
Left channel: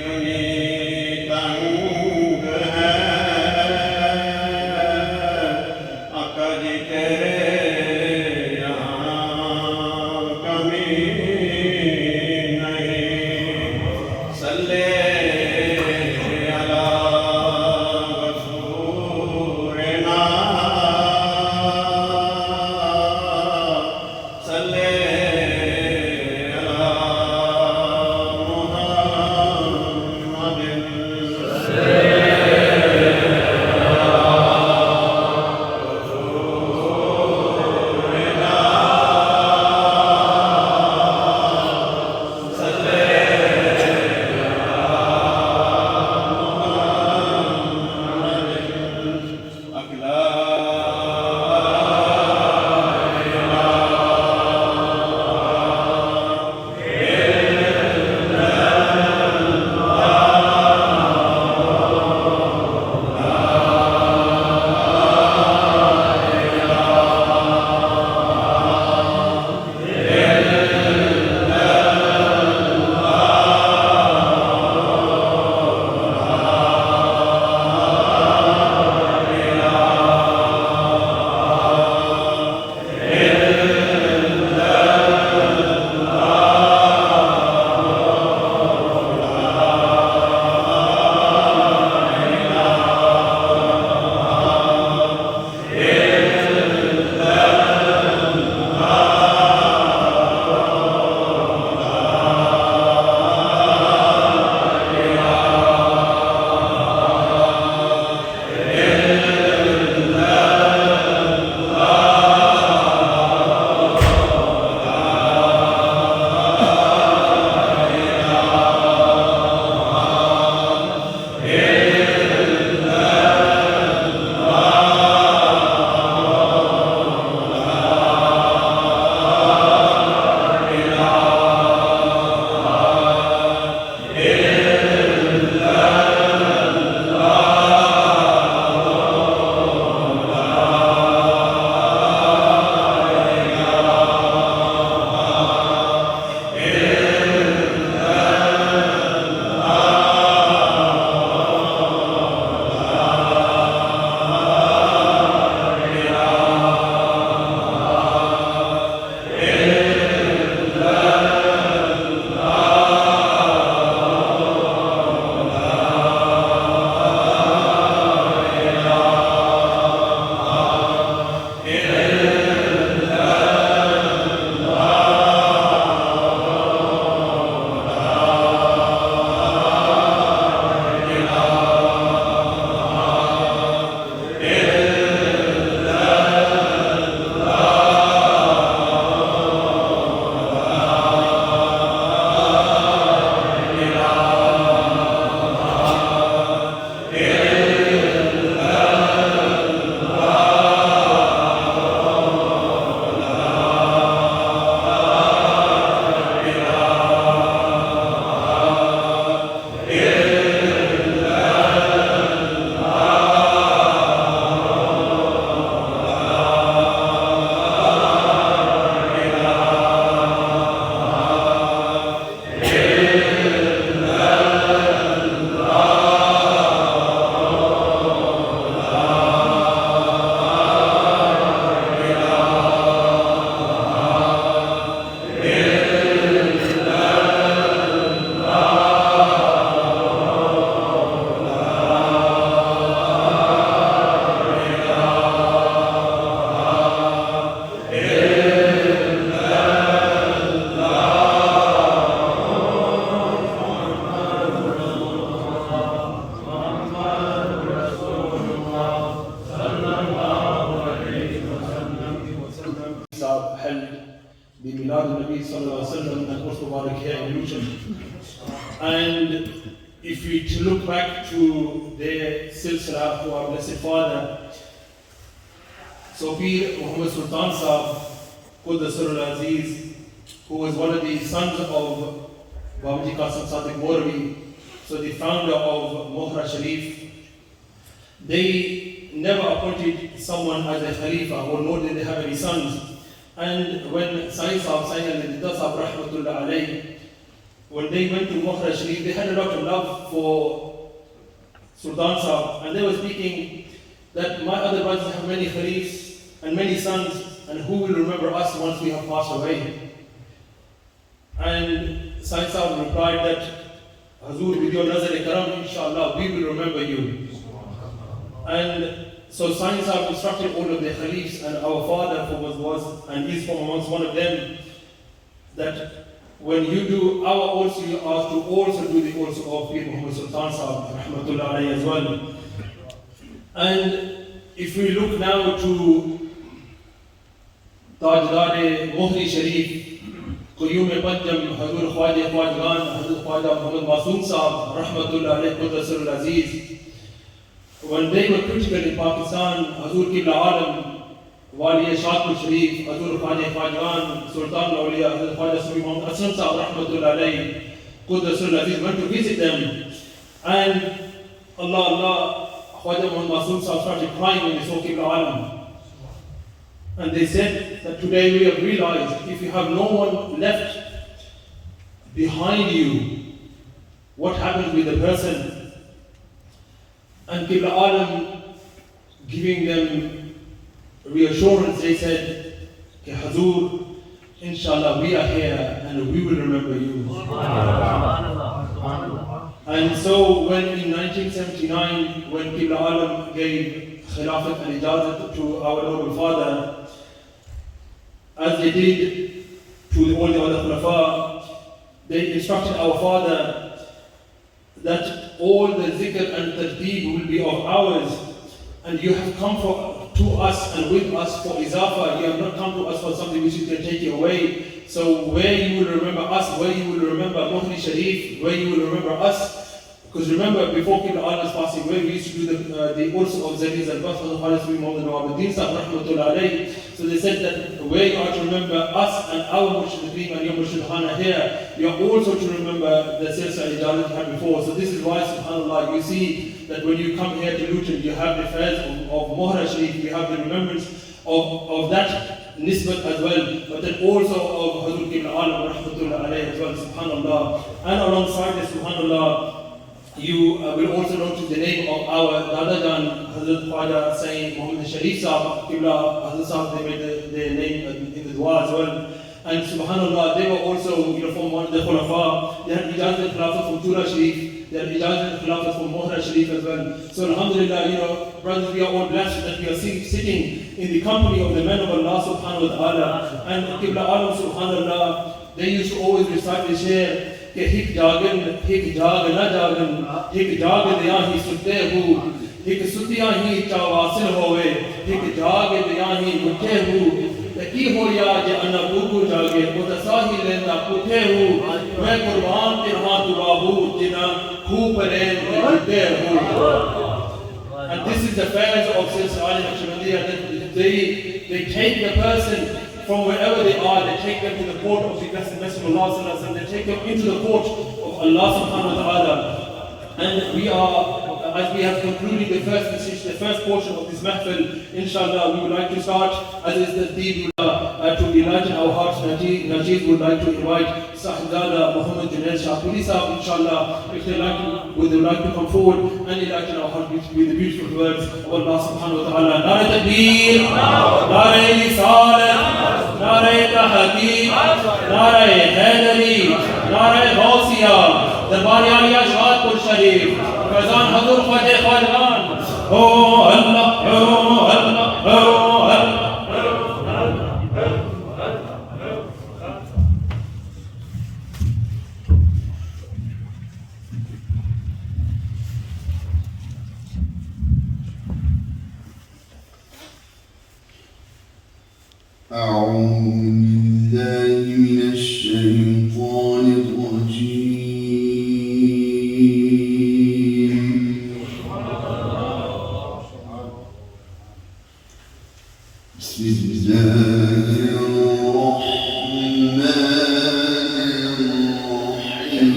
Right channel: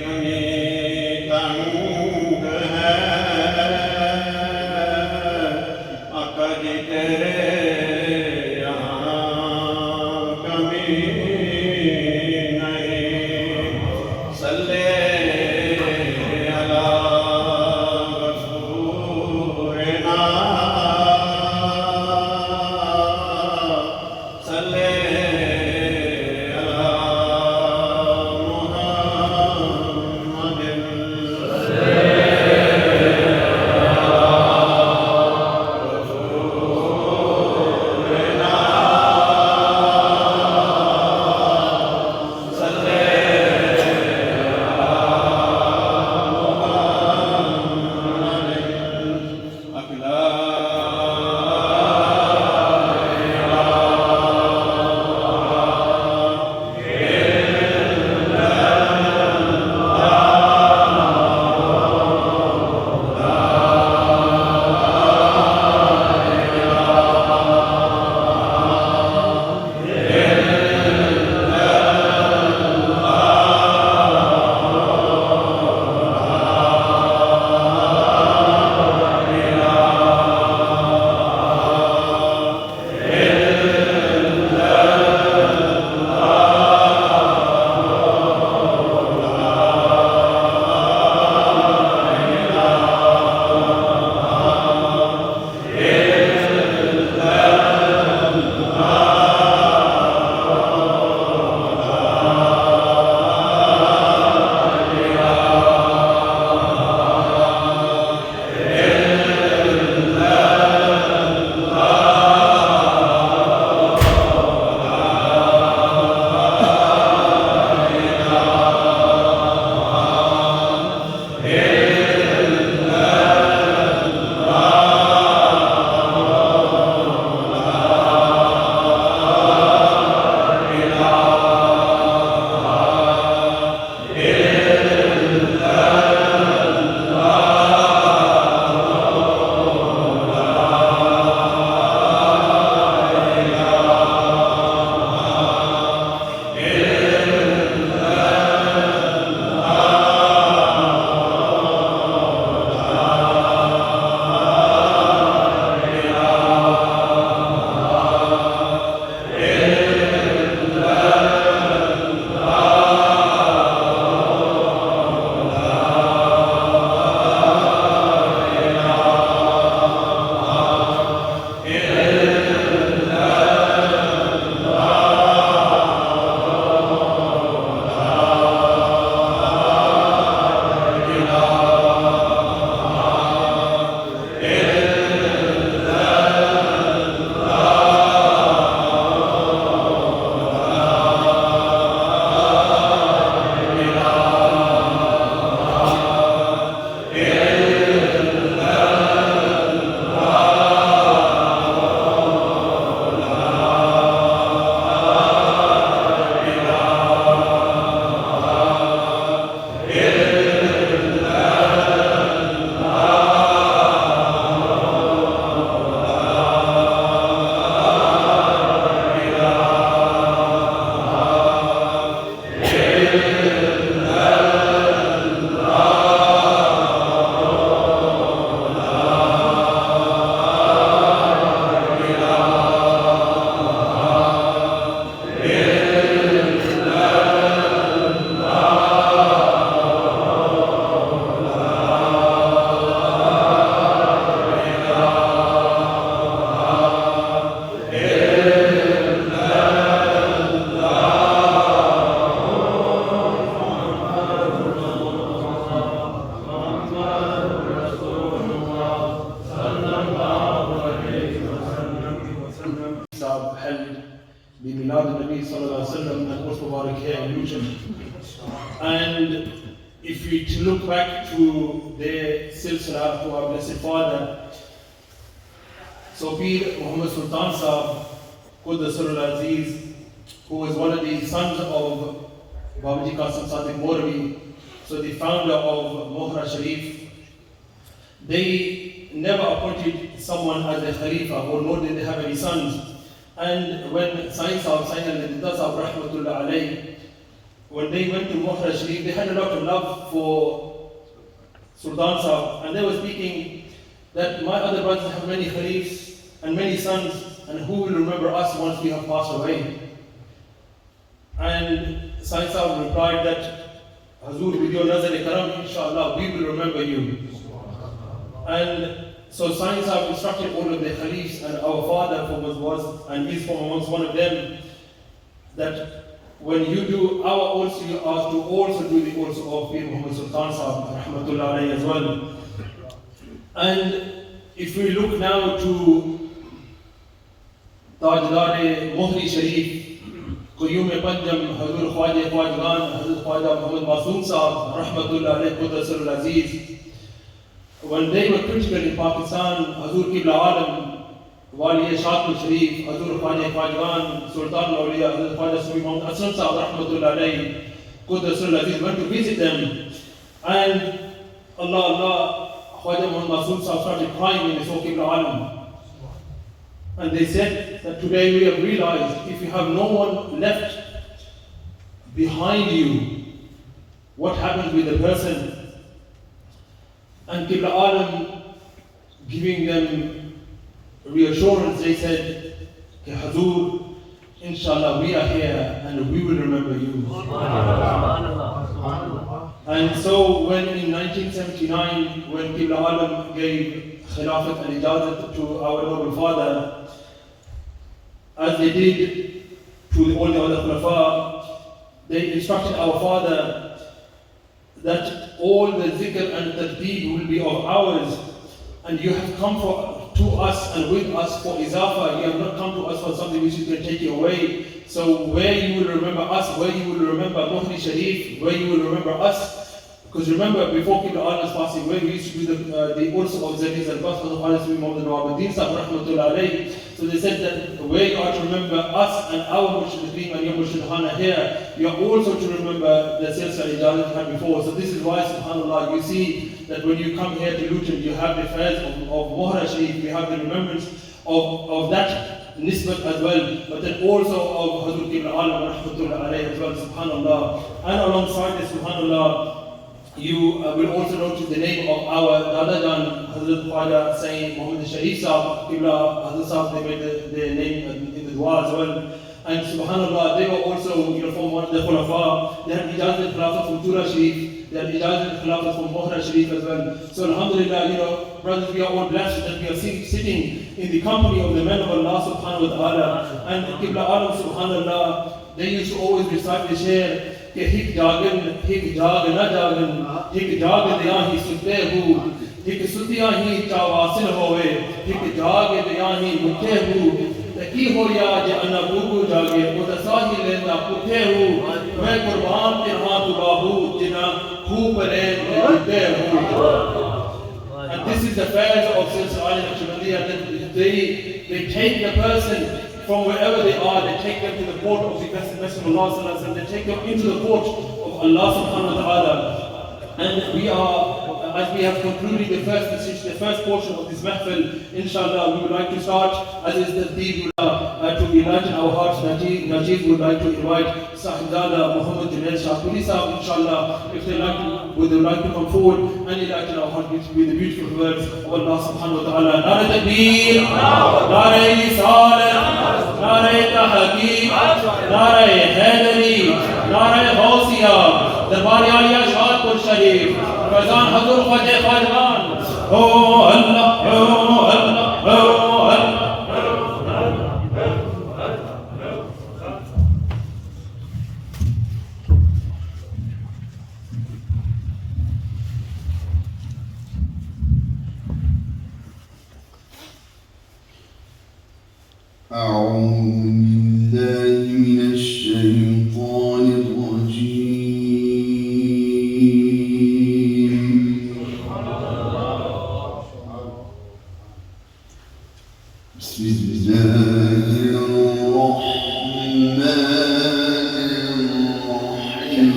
इतनी तंग है आका जी तेरे यहाँ कमी नहीं सल्ले अला रसूलना सल्ले And if you look back to their silsila, to our Blessed Father, so Pir Muhammad Sultan Sahib, Quddasur al-Aziz, who was one of the sons of Babaji Qasim Sadiq Morvi, so the founder of Mohra Sharif, they never appointed someone as a Khalifa, or nor did they have any sons. And when Sayyid Sahib Sayyid al-Dasa Rahmatullah alayhi, when they went to Mohra Sharif, they had a lot of love for Sultan Sahib, and they were speaking that my other brothers have many khalifs and many sons, and who will remember us once we have passed away? And Sayyid Sahib replied that, Hazur, with your nazar-e-karam, inshallah, we will remember you. And so Sayyid Sahib instructed all of the khalifs, and our father was and is from amongst one of them, that when you do our also, you are to also do the also of Pir Muhammad Sultan Sahib, rahmatullah alayhi as well. And if we look now to Tajdar Mohri Sharif, Qayyum Panjam, Hazur Khwaja Khwajgan, Hazur Khwaja Muhammad Masoom Sahib, rahmatullah alayhi Qudrasul Aziz, when they were critical in Pakistan, Hazur Qibla Alam, Wali Shahpur Sharif, Hazur Khwaja Khwajgan, Sultan Awliya, Hazur Khwaja Sufi Muhammad Aslam Sahib, rahmatullah alayhi Qudrasul Aziz, went to visit them. And Allah, Khwaja Muhammad Masoom Sahib started crying when they saw Qibla Alam. And they said that today we have realized if you have no one left behind you, what happens with the person? And Qibla Alam giving them reassurance, they said, Hazur, inshallah we are here and we will remember you. And so when in 1979, when Qibla Alam gave Khilafat and Ijazat to our noble father, as they did to all the other Khulafa, they instructed our father that all the zikr and tadbeed will be of ours, and you have come to us and with us for izafa, you have not come to us for something which you can take you away. So where you will remember us, where you will remember Mohri Sharif, where you will remember us, because remember, before Qibla Alam's passing away, we used to do the also of Zadiz and Bafas of Khalis bin Muhammad Nawabuddin Sahib rahmatullah alayhi. So they said that where you are to remember us and our Murshideen and your Murshidhana here, you are also to remember the Silsila Ijazat had before. So this is why, subhanAllah, you see that when you come here to Luton, you have the fairs of Mohra Sharif, you have the remembrance of that nisbat as well, but then also of Hazur Qibla Alam rahmatullah alayhi as well, subhanAllah. And alongside this, subhanAllah, you will also notice the name of our Dadajan, Hazrat Khwaja Sayyid Muhammad Sharif Sahib, Qibla Hazrat Sahib, they made the name in the dua as well. And subhanAllah, they were also, from one of the Khulafa, they had Ijazat Khilafat from Tura Sharif, they had Ijazat Khilafat from Mohra Sharif as well. So alhamdulillah, brothers, we are all blessed that we are sitting in the company of the men of Allah subhanahu wa ta'ala. And Qibla Alam subhanAllah, they used to always recite the share, कि हिक जागन ना जागन हिक जाग दिया ही सुते हूँ हिक सुतिया ही चावासिल होवे हिक जाग दिया ही मुठे हूँ तकी हो या जे अन्ना बुरगु जागे वो तसाही लेना पुठे हूँ मैं कुर्बान तिरहा तुबाहू जिना खूब परे मुझे हूँ. And this is the affairs of Silsila Naqshbandiyya. They take the person from wherever they are, they take them to the court of the Messenger of Allah, and they take them into the court of Allah subhanahu wa ta'ala. And we are, as we have concluded the first message, the first portion of this mahfil, inshallah, we would like to start, as is the deed, to enlighten our hearts. Najib would like to invite Sahibzada Muhammad Junaid Shahpuri Sahib, inshallah, if they would like to come forward and enlighten our hearts with the beautiful words of Allah subhanahu wa ta'ala. Nare Takbir, Nare Risalat, Nare Tahaqeeq, Nare Haidari, Nare Ghausiyya, Darbar Aliya Shahpur Sharif, Faizan Hazur Khwaja Khwajgan. Oh Allah, oh Allah, oh Allah. أعوذ بالله من الشيطان الرجيم. بسم الله الرحمن الرحيم.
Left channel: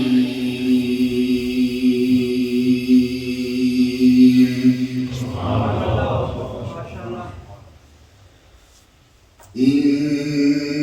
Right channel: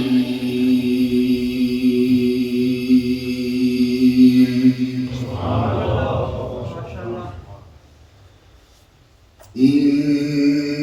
إن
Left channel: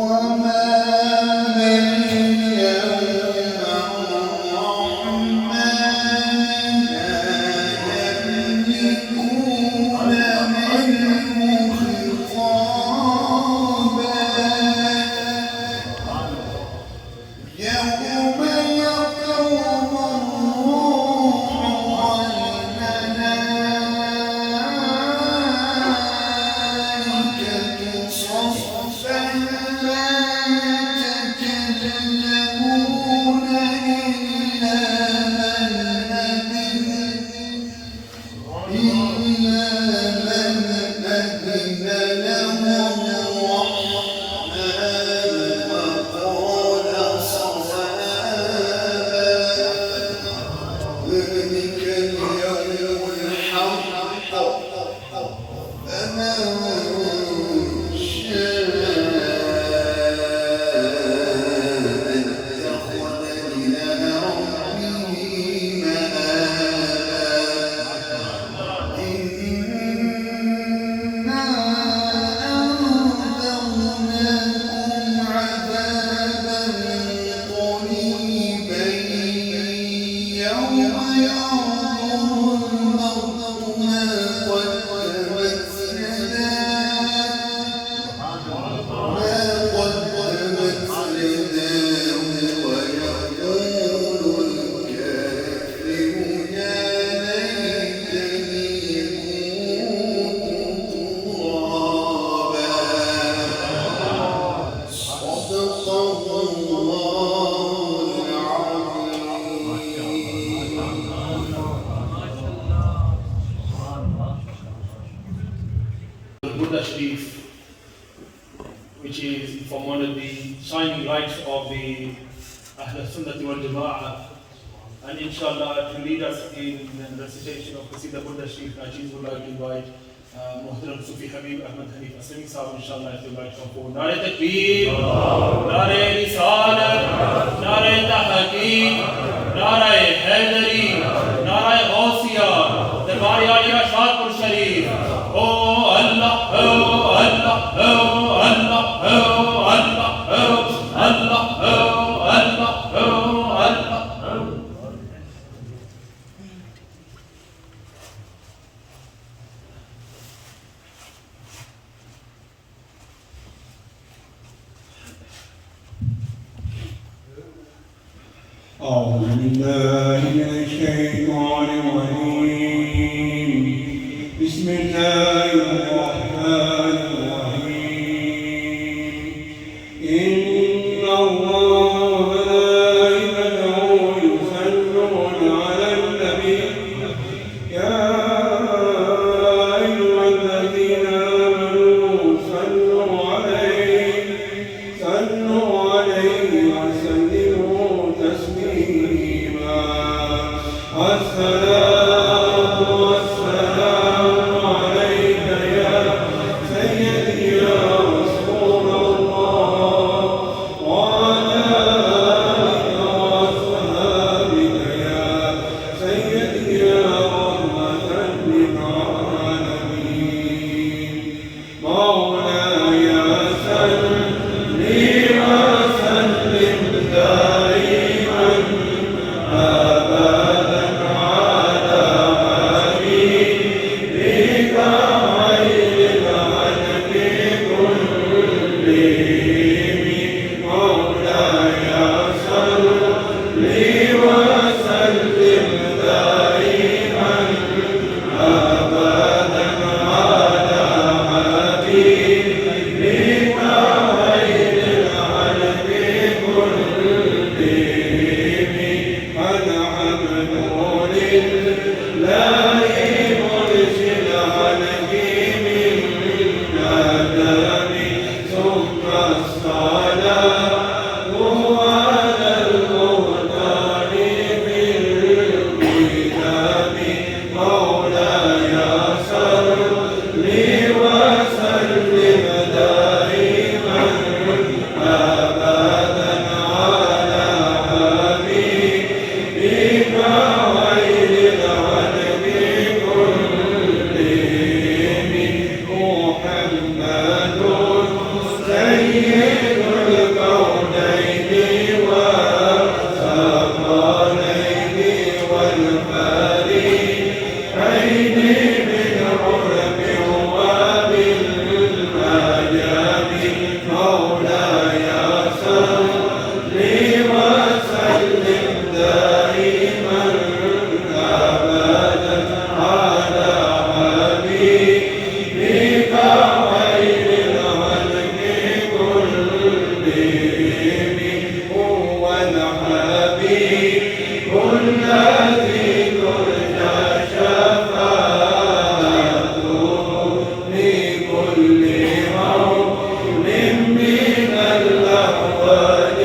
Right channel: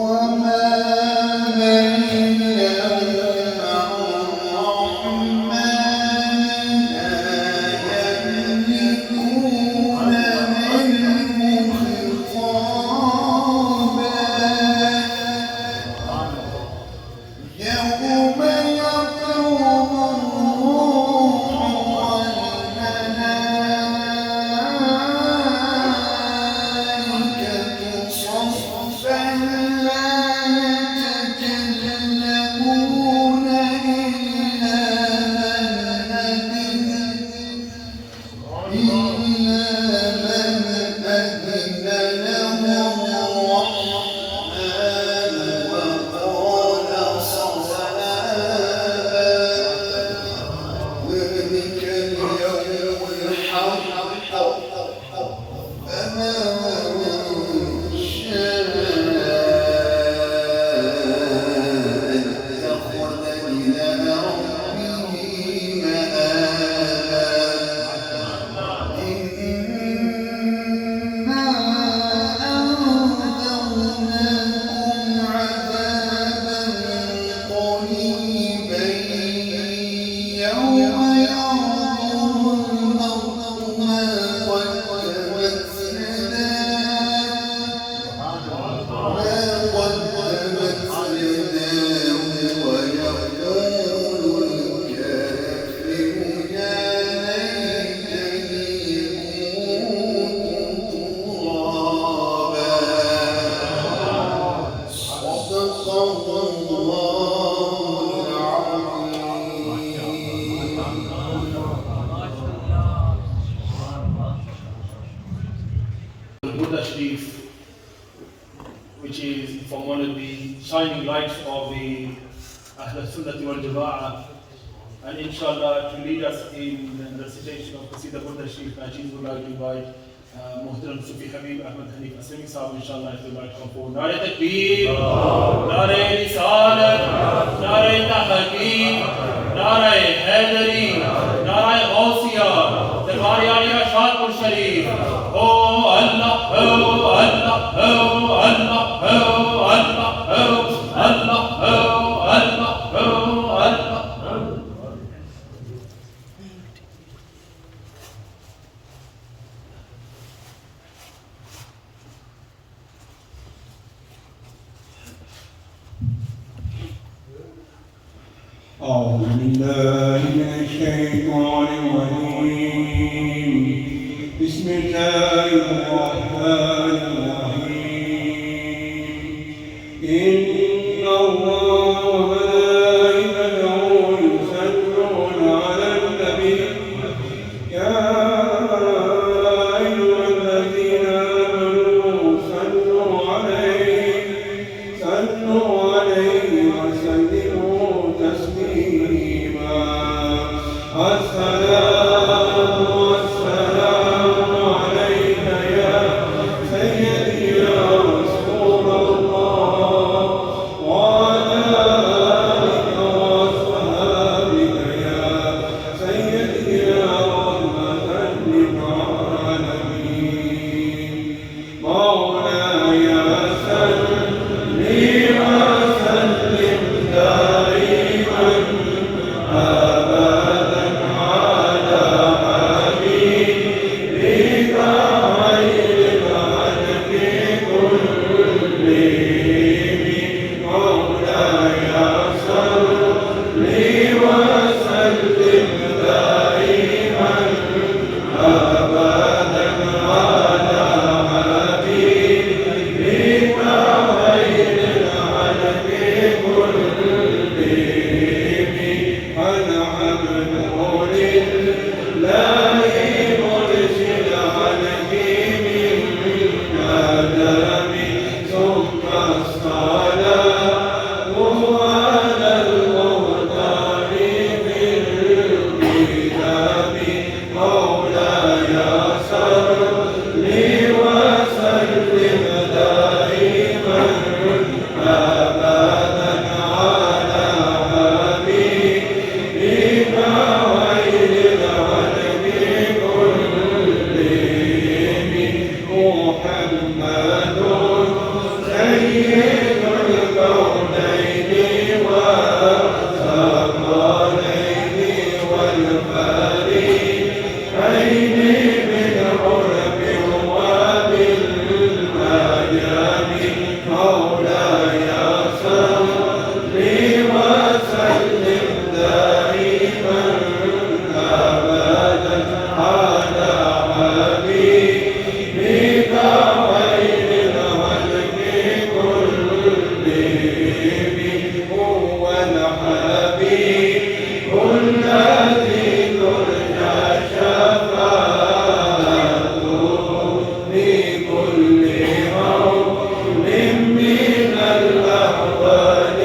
وما من Burda Sharif, which is from one of the shining lights of the Ahl Sunnah wal Jama'ah, and inshallah to lead us in the recitation of Qasida Burda Sharif, I choose would like to invite Muhtaram Sufi Habib Ahmad Hanif Asami Sahab, inshallah, if you'd like to come forward. Nare Takbir, Nare Risalat, Nare Tahaqeeq, Nare Haidari, Nare Ghausiyya, the Qari'an Shadpur Sharif. Oh Allah, oh Allah, oh Allah, oh Allah, oh Allah, oh Allah, oh Allah. أعوذ بالله من الشيطان الرجيم بسم الله الرحمن الرحيم إن الله وملائكته يصلون على النبي يا أيها الذين آمنوا صلوا عليه وسلموا تسليما الصلاة والسلام عليك يا سيدي يا رسول الله وعلى آلك وأصحابك يا سيدي يا رحمة للعالمين مولاي صل وسلم دائما أبدا على حبيبك خير الخلق كلهم مولاي صل وسلم دائما أبدا على حبيبك خير الخلق كلهم الحمد لله مرسل عليه من آدم ثم الصلاة على المختار في الكتاب مولاي صل وسلم دائما أبدا على حبيبك خير الخلق كلهم محمد سيد الكونين والثقلين والفريقين بالعلم وبالمجال مولاي صل وسلم دائما أبدا على حبيبك خير الخلق كلهم هو الحبيب الذي ترجى شفاعته لكل حول من الأحوال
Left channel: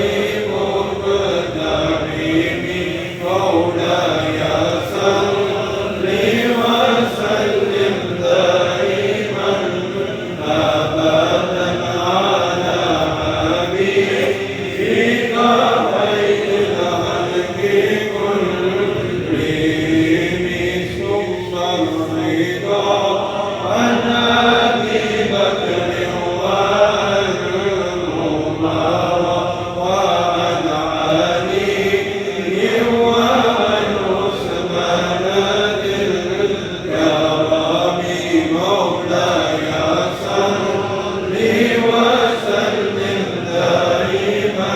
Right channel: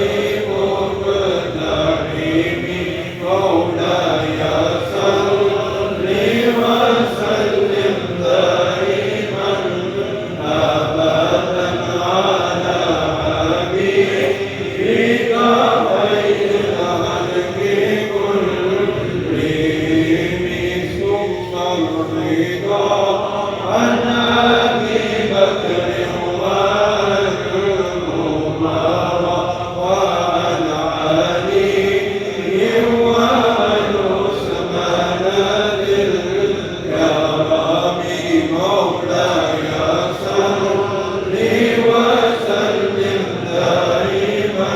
مقتحم مولاي صل وسلم دائما أبدا على حبيبك خير الخلق كلهم ثم الرضا عن أبي بكر وعن عمر وعن علي وعن عثمان ذي الكرم مولاي صل وسلم دائما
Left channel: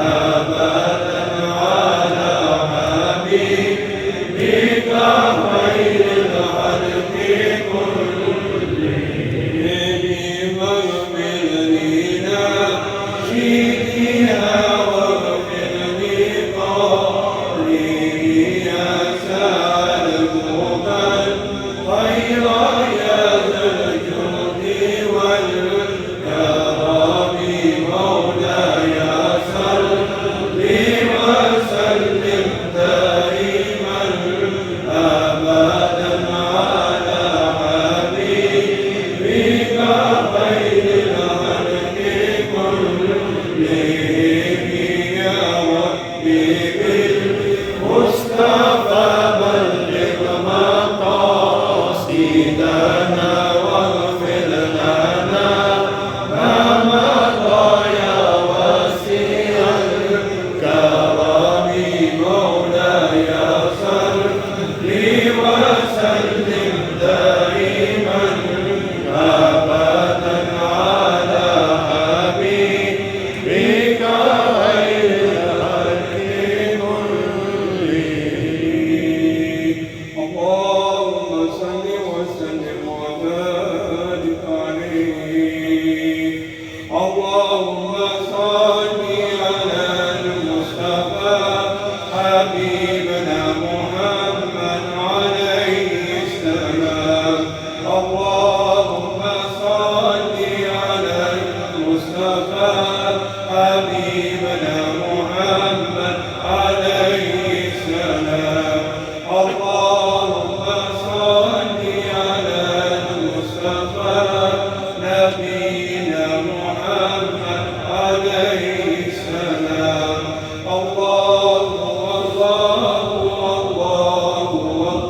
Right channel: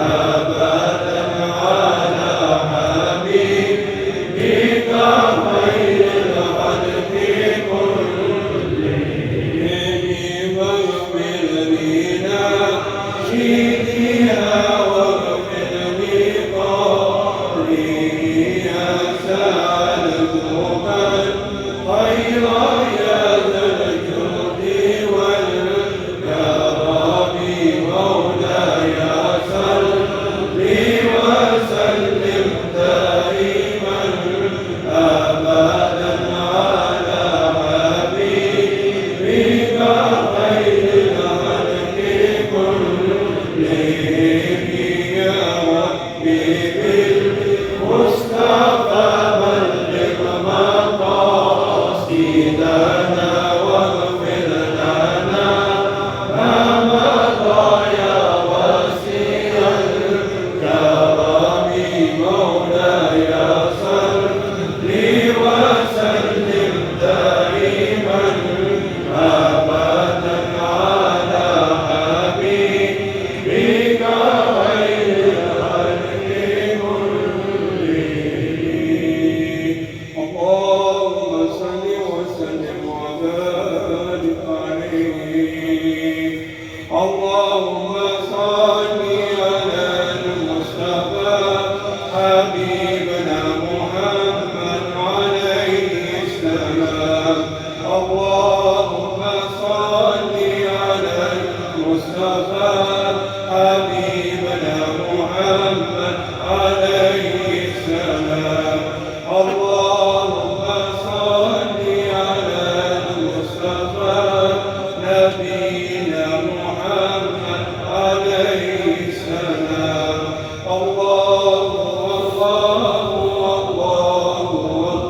أبدا على حبيبك خير الخلق كلهم ويؤمن بنا شيدي فيها واغفر لي قولي أسأل المغفر خير يا ذا الجود والكرم مولاي صل وسلم دائما أبدا على حبيبك خير الخلق كلهم يا ربي بالمصطفى بلغ مقاصدنا واغفر لنا ما مضى يا واسع الكرم مولاي صل وسلم دائما أبدا على حبيبك خير الخلق كلهم اللهم صل وسلم وبارك عليه اللهم صل على المصطفى حبيبنا محمد عليه السلام اللهم صل على المصطفى حبيبنا محمد عليه السلام اللهم صل على المصطفى نبينا محمد عليه السلام الله الله الله الله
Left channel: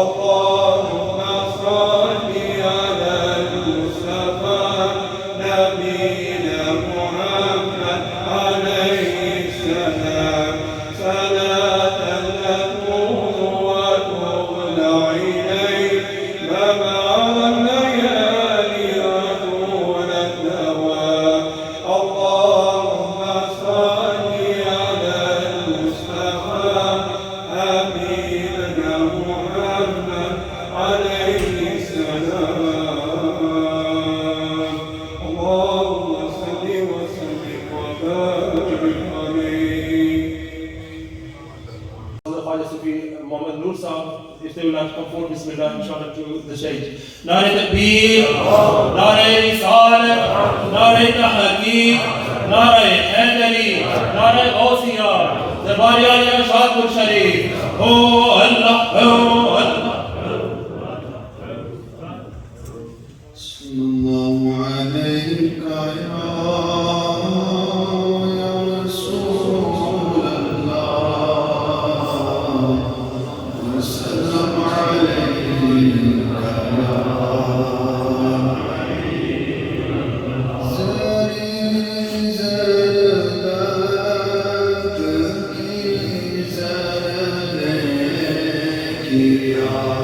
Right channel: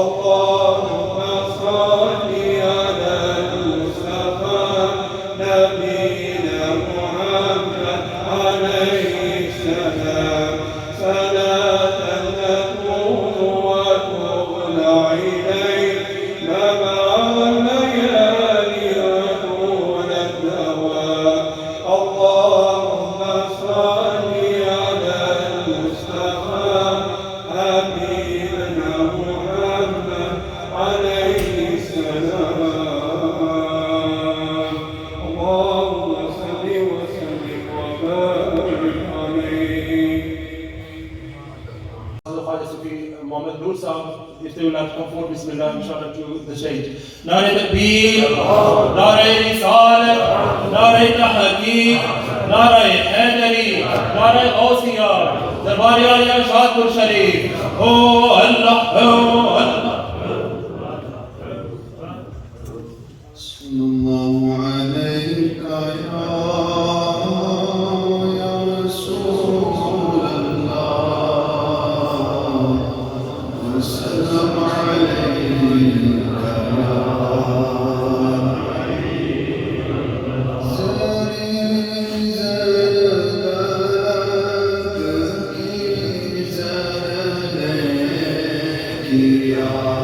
اللهم صل على المصطفى نبينا محمد عليه السلام صلاة تكون وتغنى إليه مبعث الليالي وطول الدوام اللهم صل على المصطفى حبيبنا محمد عليه السلام اللهم صل وسلم وبارك عليه. Mohammed Noor Saab, if they would like to come forward, Bismillah, inshallah, to the stage. Nare Takbir, Nare Risalat, Nare Tahqiq, Nare Haidari, Nare Gausiya, Darbari Ali Shadpur Sharif. Oh Allah, oh Allah. صلى الله عليك يا رسول الله وسلم عليك يا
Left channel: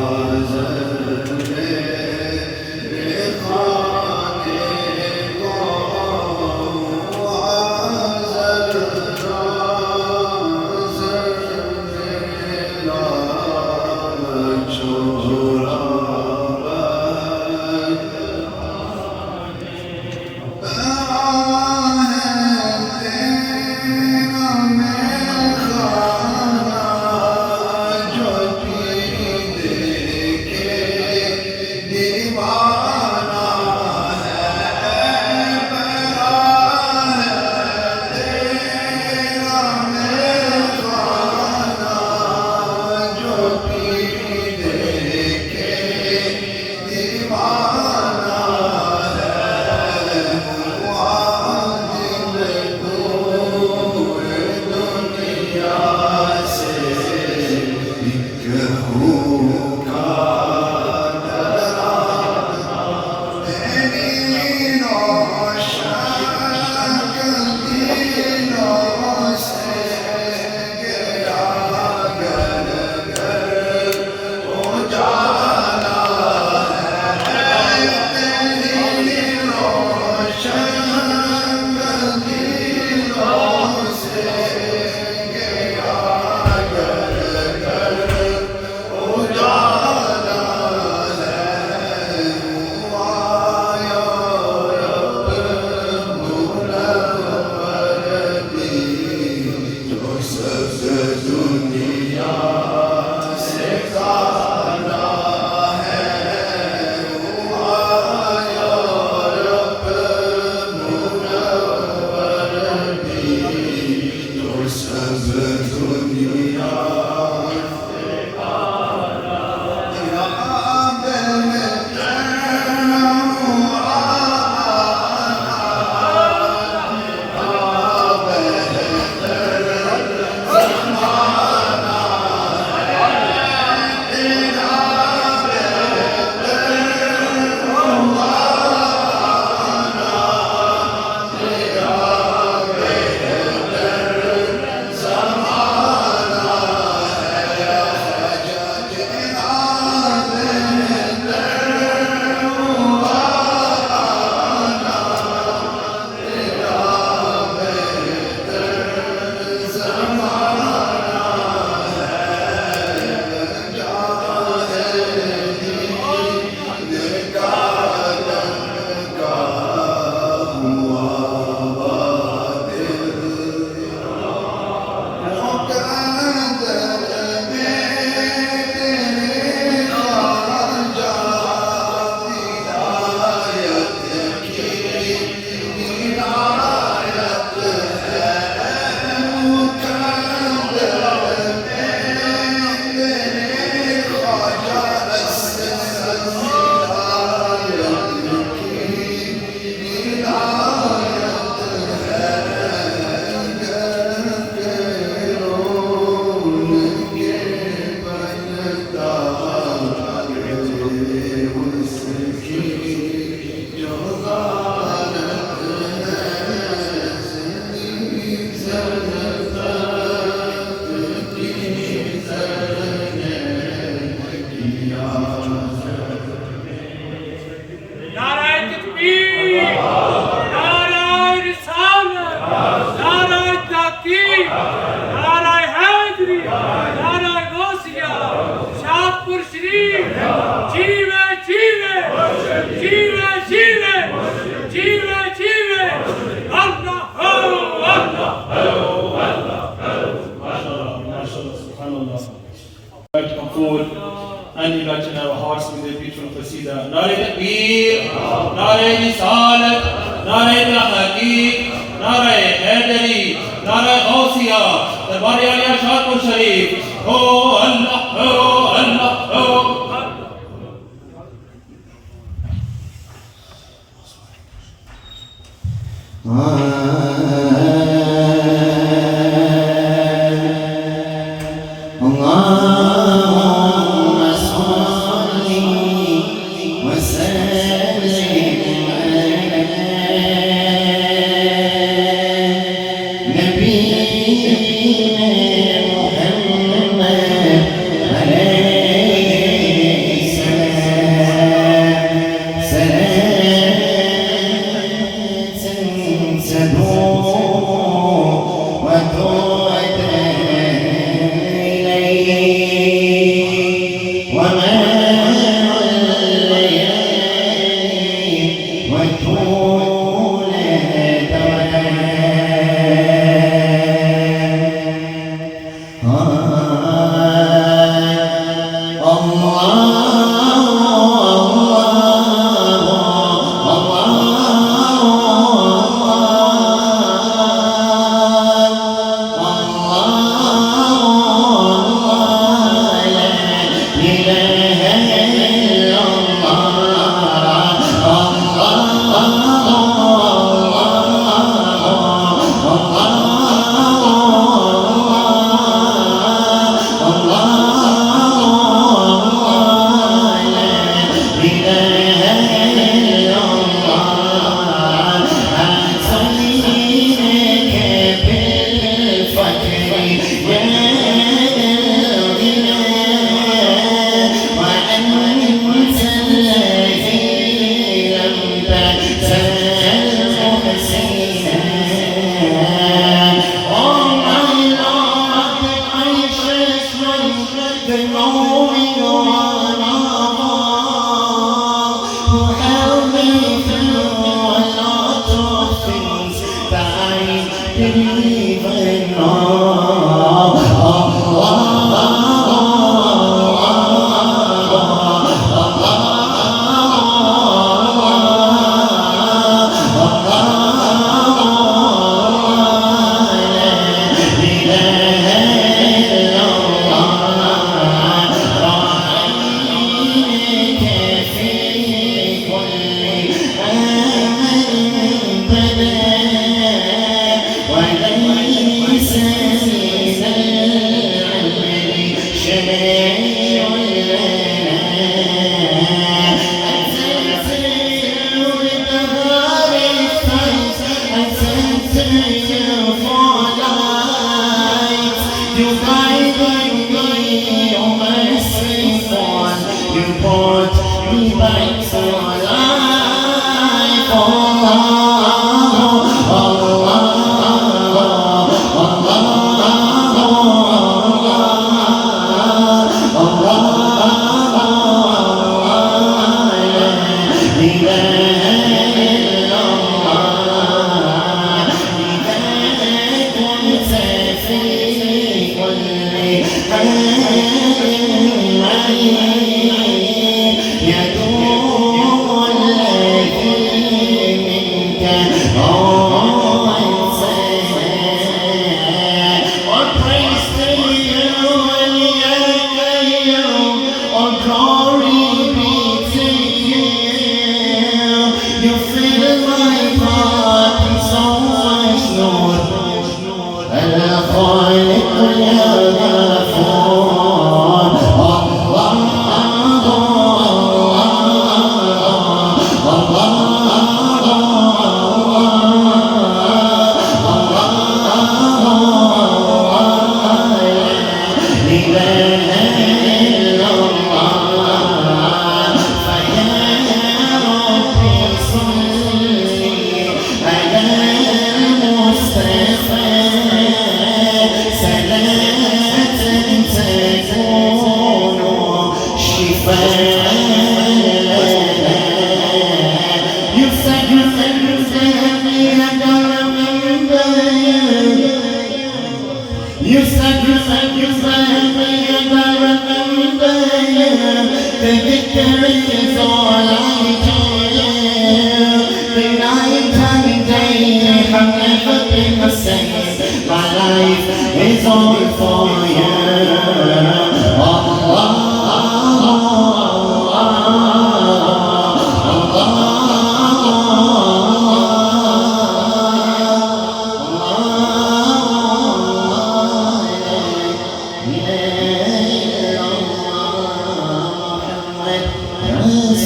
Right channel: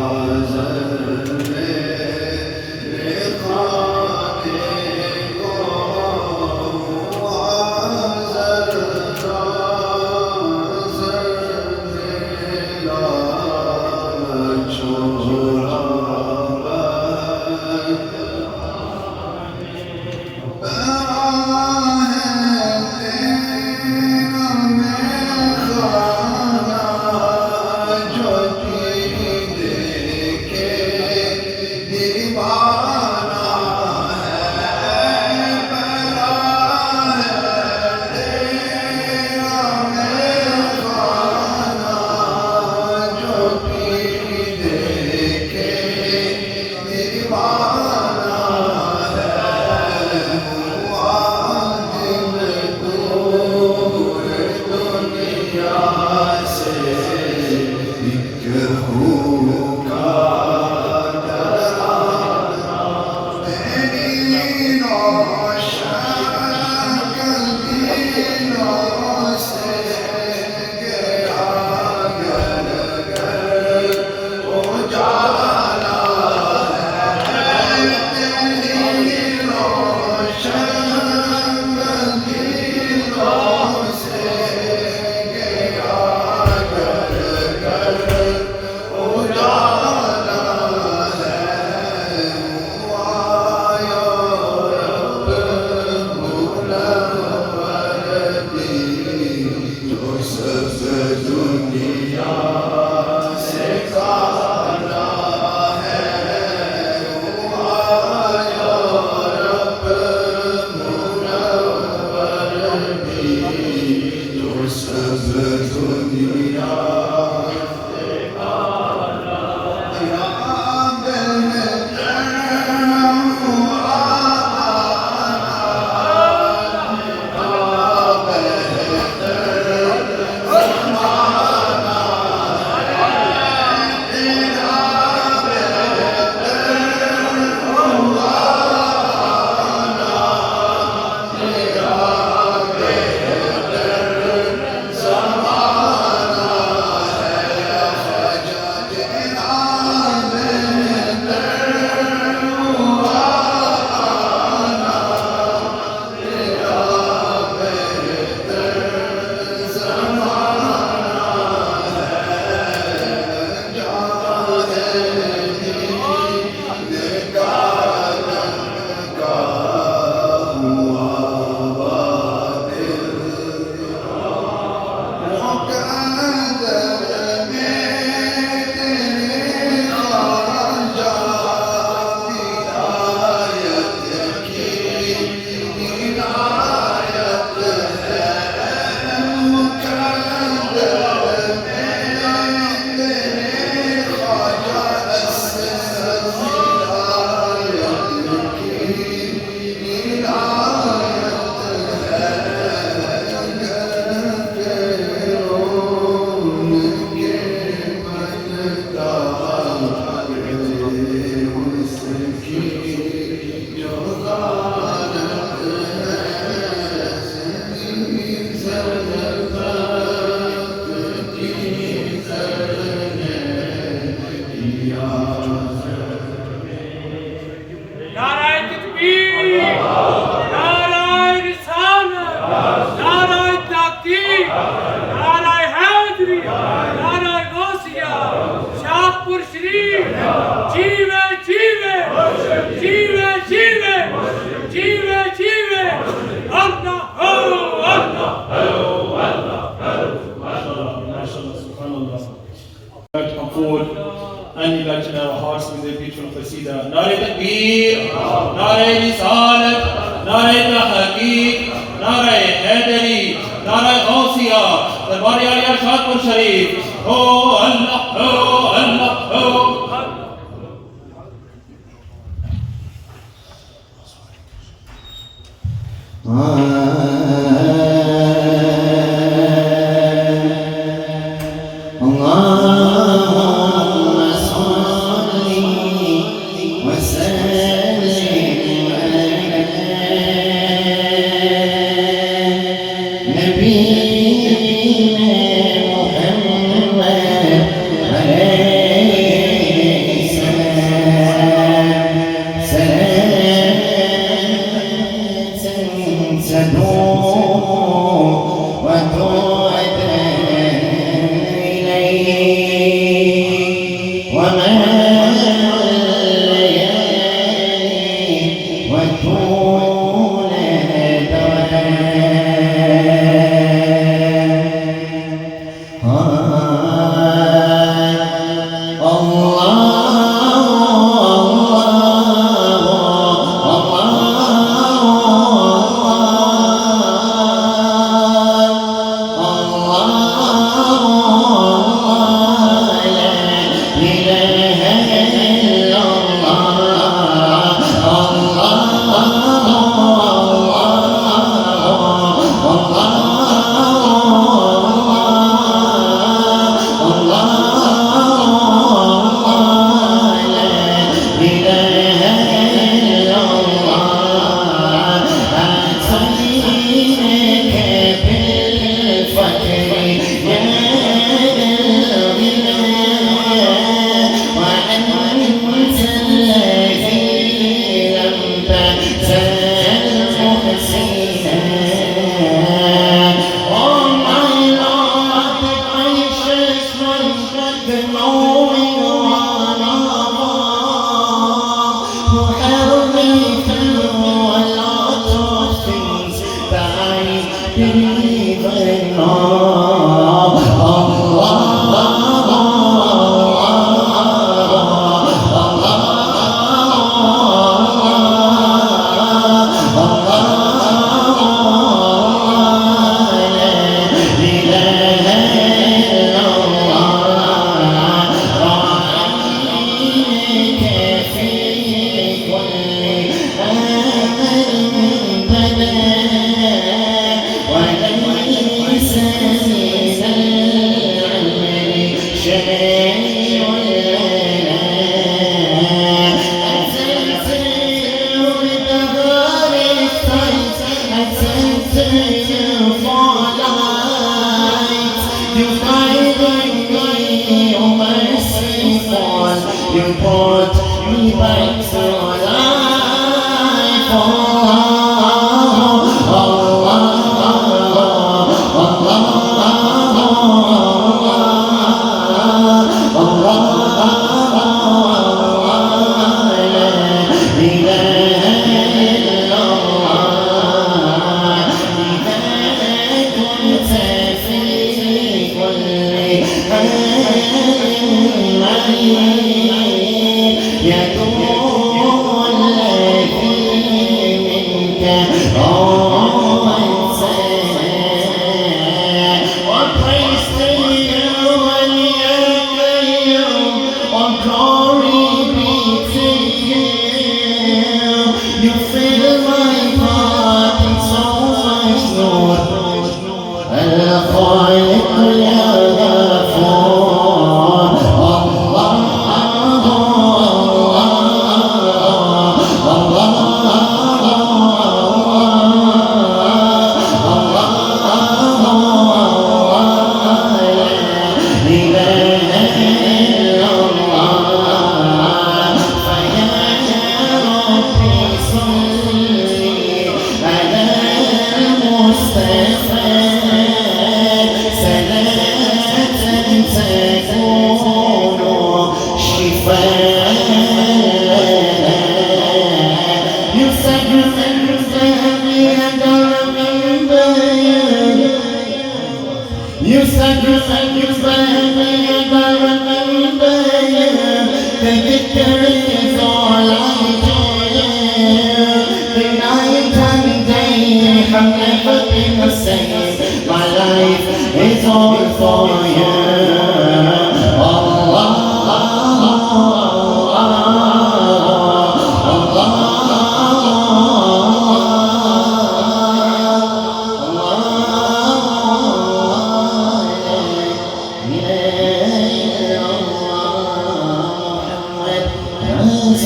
नाराय हैदरी नाराय गौसिया शाहपुर शरीफ जीवे जीवे जीवे जीवे जीवे जीवे अल्लाह हो like to come forward and you'd like to know our hearts with their beautiful qasida. Nare Takbir, Nare Risalat, Nare Tahqiq, Nare Haidari, Nare Gausiya, the Bari Ali Shahpur Sharif. Oh Allah, oh Allah, oh. اللهم صل وسلم على نبينا محمد عليه السلام سلام تدوم وتعدى وما الليالي وطول يدوم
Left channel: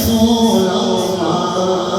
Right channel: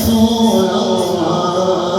رسول الله